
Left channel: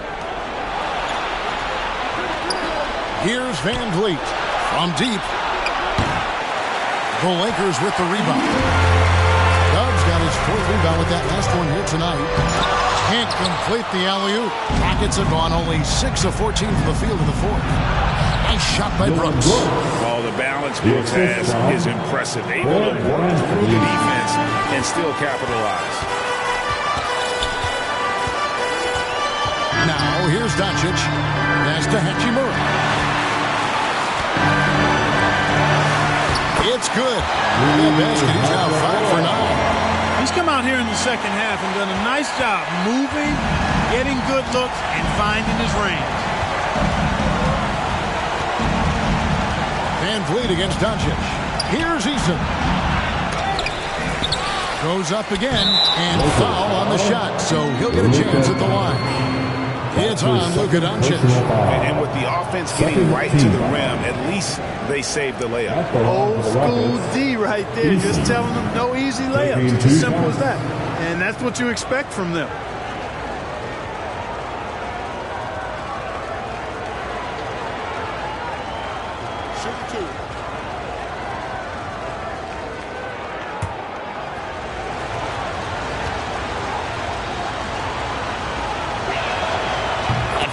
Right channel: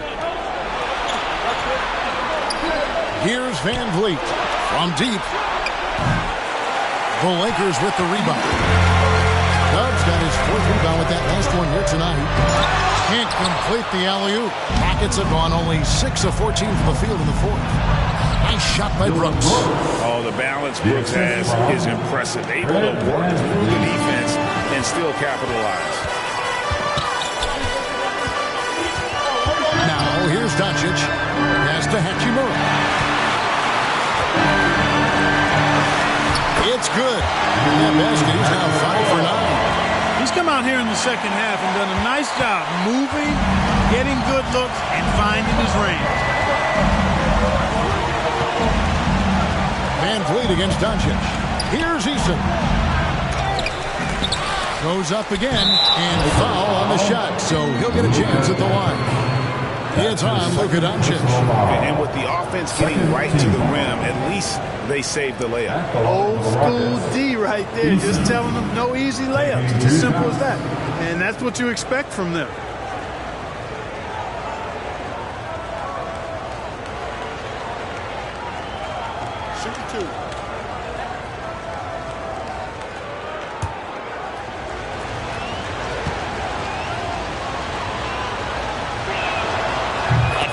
Here's Van Vliet from deep. The Lakers with the rebound. Tubbs got his 4th rebound with that last one here tonight. Can't complete the alley-oop. Rockets have gone only 6 of 14 from the field in the 4th. Nice shot by Brooks. Oh, the balance Brooks has is impressive. Able to work through the defense and still capitalize. Now, here's Doncic. Pass to Hachimura. It's good. That basket, he's now 5 for 9. He's come out here in the second half and done a nice job moving, getting good looks, and finding his range. Van Vliet against Doncic. Here's Eason. Goes up again, and foul on the shot, so he'll get a chance at the line. It's on Luka Doncic. And with the offense getting right to the rim, at least they saved the layup. Old school D right there, just telling them no easy layups. It's as simple as that. And that's what you expect from them. Shooting 2.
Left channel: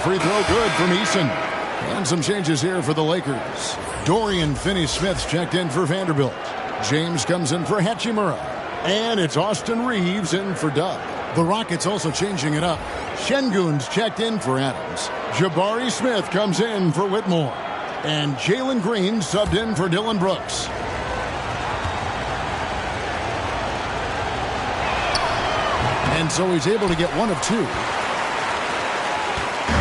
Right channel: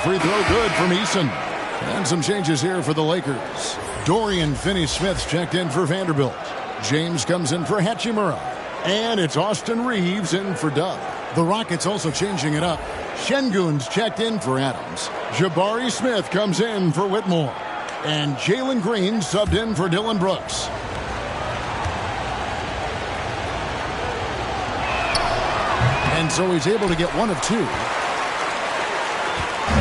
Free throw good from Eason. And some changes here for the Lakers. Dorian Finney-Smith's checked in for Vanderbilt. James comes in for Hachimura. And it's Austin Reeves in for Dub. The Rockets also changing it up. Şengün's checked in for Adams. Jabari Smith comes in for Whitmore. And Jalen Green subbed in for Dillon Brooks. And so he's able to get 1 of 2.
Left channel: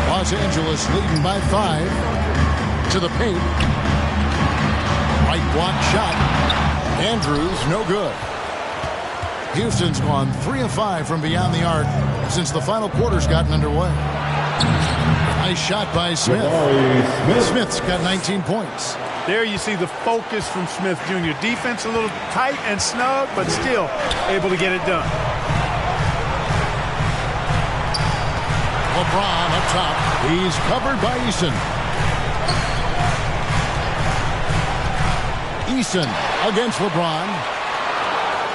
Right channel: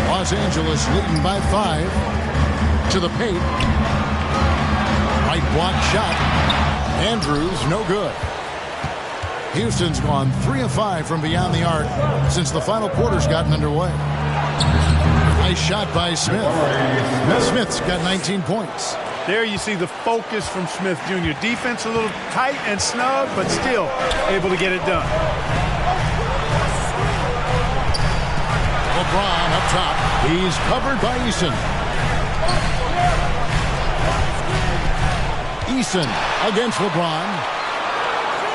Los Angeles leading by 5. To the paint. Right block shot. Andrews, no good. Houston's gone 3 of 5 from beyond the arc since the final quarter's gotten underway. Nice shot by Smith. Smith's got 19 points. There you see the focus from Smith Jr. Defense a little tight and snug, but still able to get it done. LeBron up top. He's covered by Eason. Eason against LeBron.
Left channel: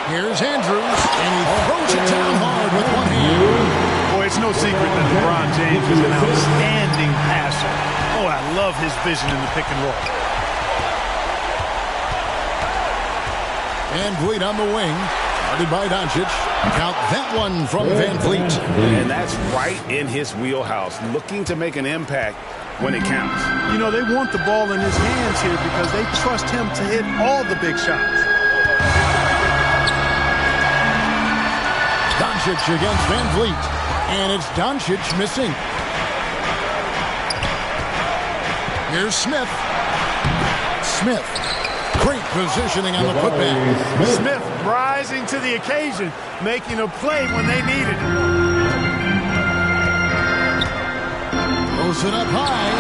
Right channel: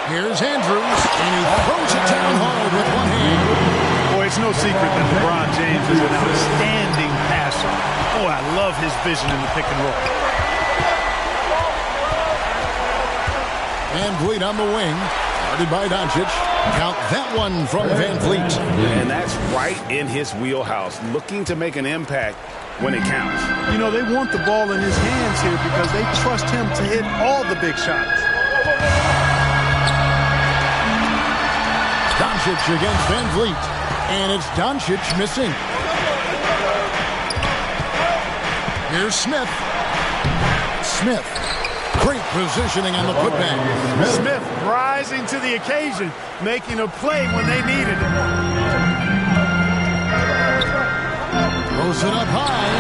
Here's Andrews, and he throws it down hard with one hand. Boy, it's no secret that LeBron James is an outstanding passer. Oh, I love his vision in the pick and roll. Van Vliet on the wing. Guarded by Doncic. Count that one from Van Vliet. And that's right in his wheelhouse, looking to make an impact when it counts. You know, they want the ball in his hands here because they trust him to hit all the big shots. Doncic against Van Vliet. And it's Doncic missing. Here's Smith. Smith. Great positioning on the putback. Smith rising to the occasion, making a play when they needed it. Throws it up high.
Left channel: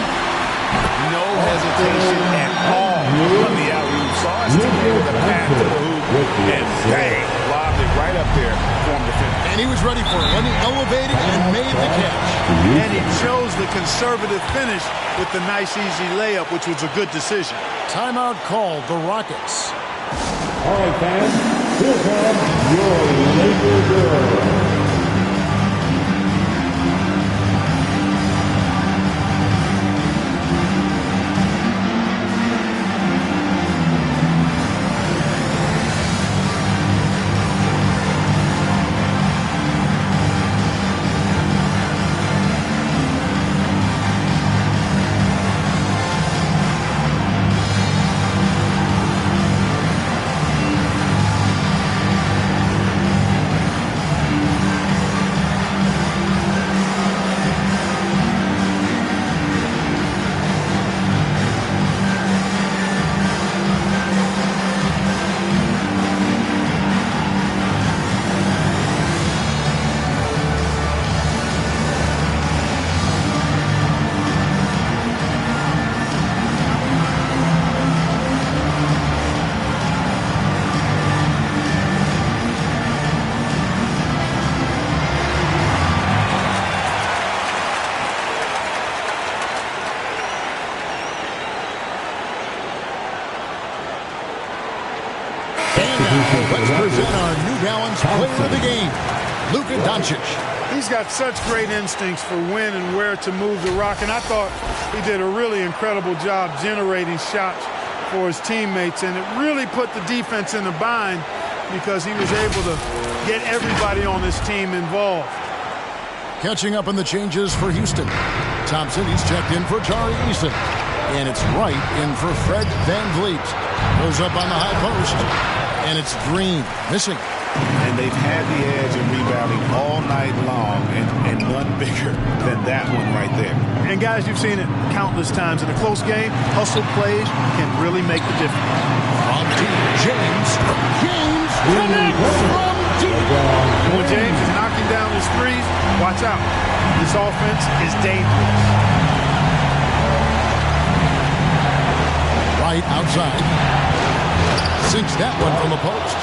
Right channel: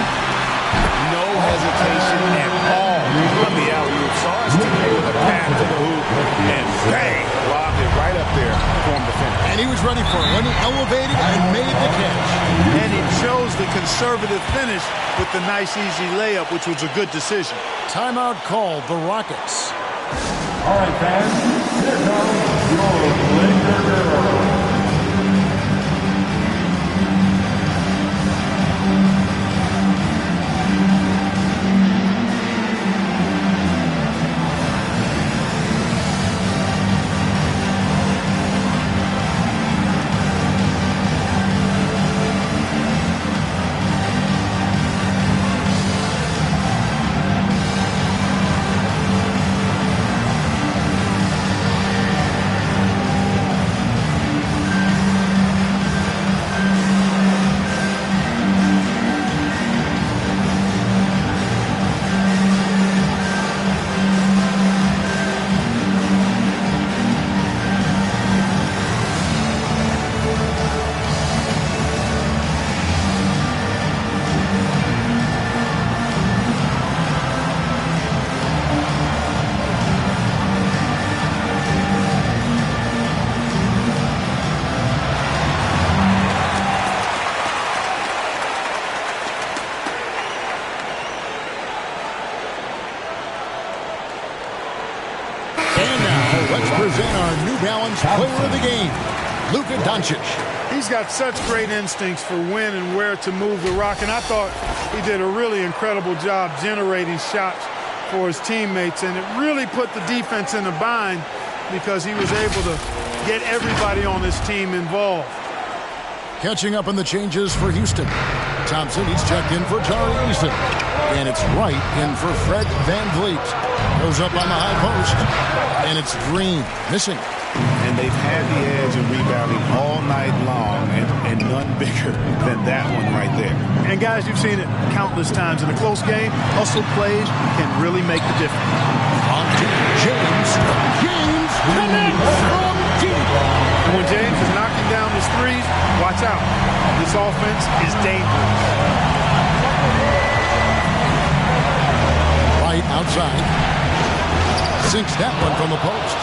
No hesitation at all on the alley-oop. Saw his teammate with a pass to the hoop, and bang, lobbed it right up there for him to finish. And he was ready for it when he elevated and made the catch. And he chose the conservative finish with the nice, easy layup, which was a good decision. Timeout called the Rockets. All right, fans, here comes your Laker girl. And now, let's present our New Balance player of the game, Luka Doncic. He's got such great instincts for when and where to move the rock, and I thought he did a really incredible job generating shots for his teammates, and it really put the defense in a bind because he was able to get everybody on his team involved. Catching up on the changes for Houston. Thompson, he's checked in for Tari Eason. And it's Wright in for Fred VanVleet. Goes up on the high post. And it's Green, missing. And they've had the edge in rebounding all night long, and none bigger than that one right there. And guys, you've seen it countless times. In a close game, hustle plays can really make the difference. From deep, James connects from deep. And when James is knocking down his threes, watch out. This offense is dangerous. Wright outside. Sinks that one from the post.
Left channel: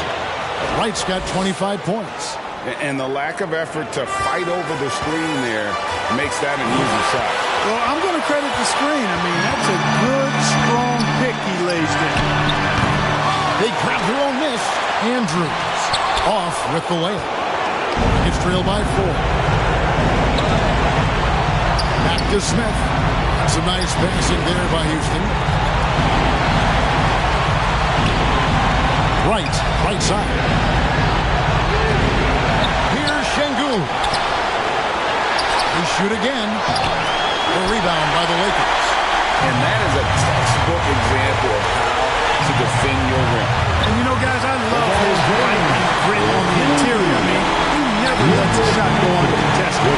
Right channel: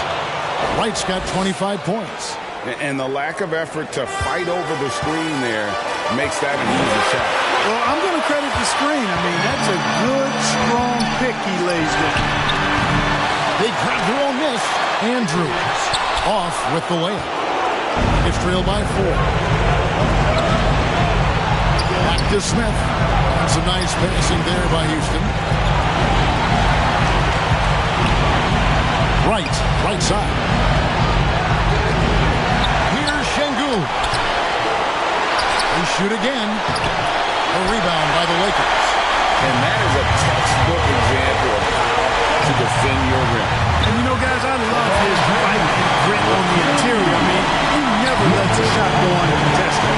Wright's got 25 points. And the lack of effort to fight over the screen there makes that an easy shot. Well, I'm going to credit the screen. I mean, that's a good, strong pick he lays there. They grab their own miss. Andrews off with the layup. Nuggets trail by 4. Back to Smith. Some nice passing there by Houston. Right side. Here's Şengün. They shoot again. A rebound by the Lakers. And that is a textbook example of how to defend your rim. And you know, guys, I love his fight and grit on the interior. I mean, he never lets a shot go uncontested.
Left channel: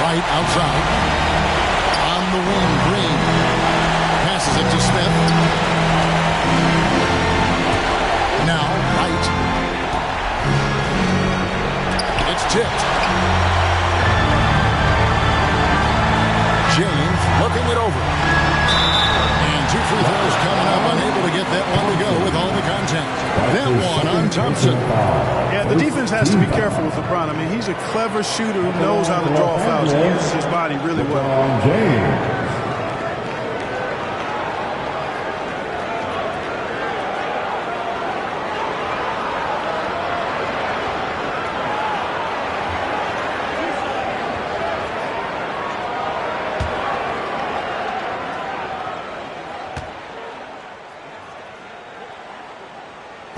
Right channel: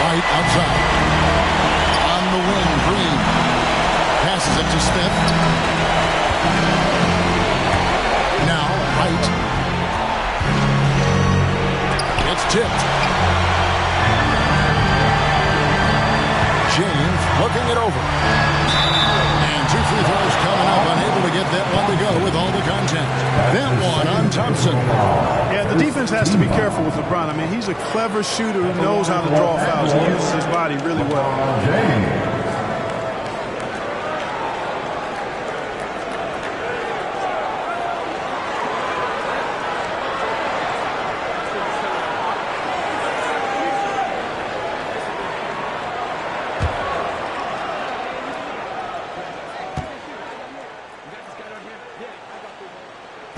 Right outside. On the wing, Green. Passes it to Smith. Now, Wright. It's tipped. James looking it over. And 2 free throws coming up. Unable to get that one to go with all the contact. That one on Thompson. Yeah, the defense has to be careful with LeBron. I mean, he's a clever shooter who knows how to draw fouls. He uses his body really well. James.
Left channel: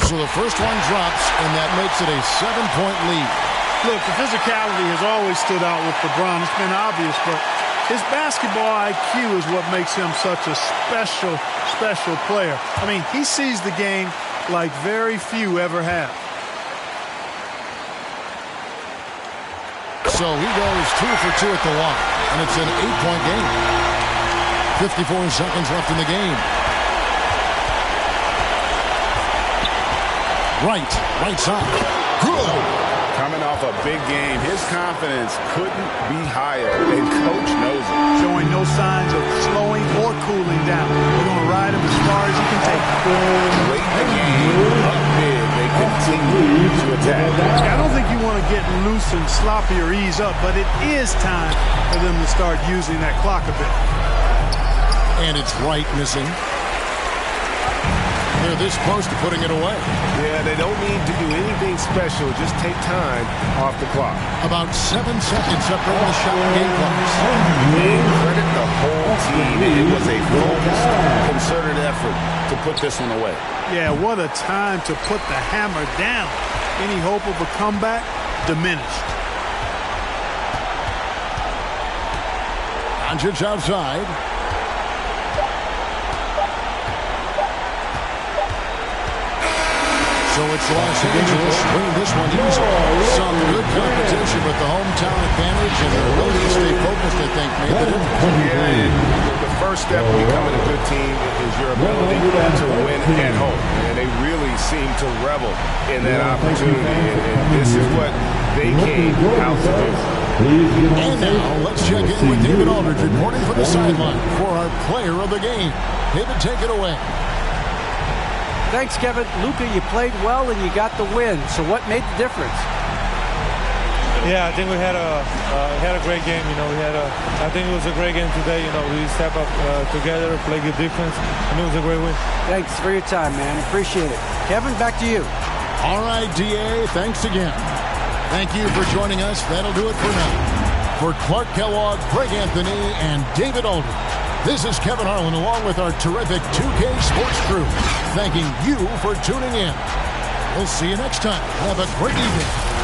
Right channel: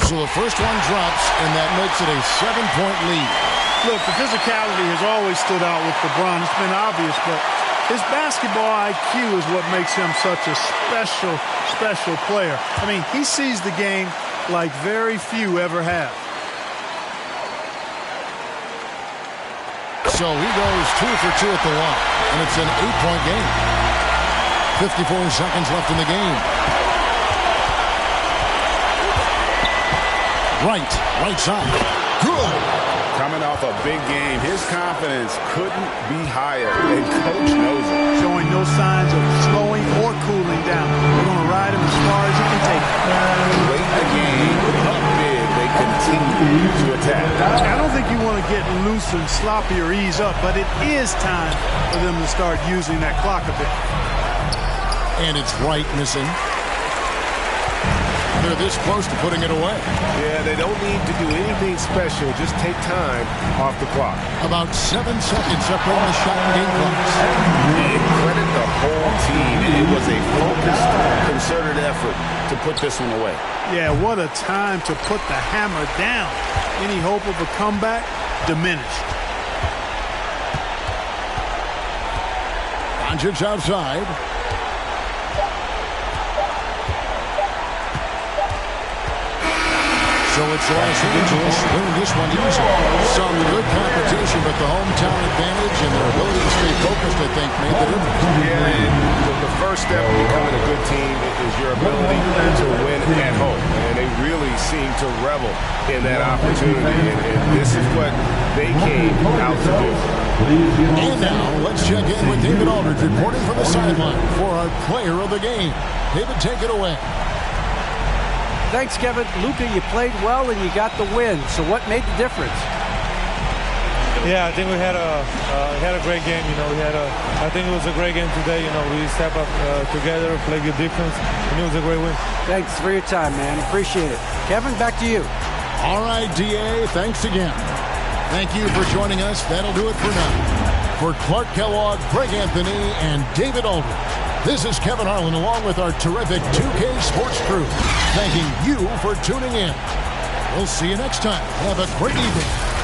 So the first one drops, and that makes it a 7-point lead. Look, the physicality has always stood out with LeBron. It's been obvious, but his basketball IQ is what makes him such a special player. I mean, he sees the game like very few ever have. So he goes 2 for 2 at the line, and it's an 8-point game. 54 seconds left in the game. Right side. Good. Coming off a big game, his confidence couldn't be higher, and Coach knows it. Showing no signs of slowing or cooling down. They're going to ride him as far as he can take him. Late in the game, up big, they continue to attack. I don't think you want to get loose and sloppy or ease up, but it is time for them to start using that clock a bit. And it's Wright missing. They're this close to putting it away. Yeah, they don't need to do anything special. Just take time off the clock. About 7 seconds separating the shot and game clocks. And credit the whole team. It was a focused, concerted effort to put this one away. Yeah, what a time to put the hammer down. Any hope of a comeback? Diminished. Doncic outside. So it's Los Angeles winning this one easily. Some good competition, but the hometown advantage and their ability to stay focused, I think, made the difference. Yeah, and the first step in becoming a good team is your ability to win at home. And they really seem to revel in that opportunity. And this is what they came out to do. And now let's check in with David Aldridge reporting from the sideline for our player of the game. David, take it away. Thanks, Kevin. Luka, you played well and you got the win. So what made the difference? Yeah, I think we had a great game. I think it was a great game today. We step up together, play good defense, and it was a great win. Thanks for your time, man. Appreciate it. Kevin, back to you. All right, DA, thanks again. Thank you for joining us. That'll do it for now. For Clark Kellogg, Greg Anthony, and David Aldridge, this is Kevin Harlan along with our terrific 2K Sports crew, thanking you for tuning in. We'll see you next time. Have a great evening.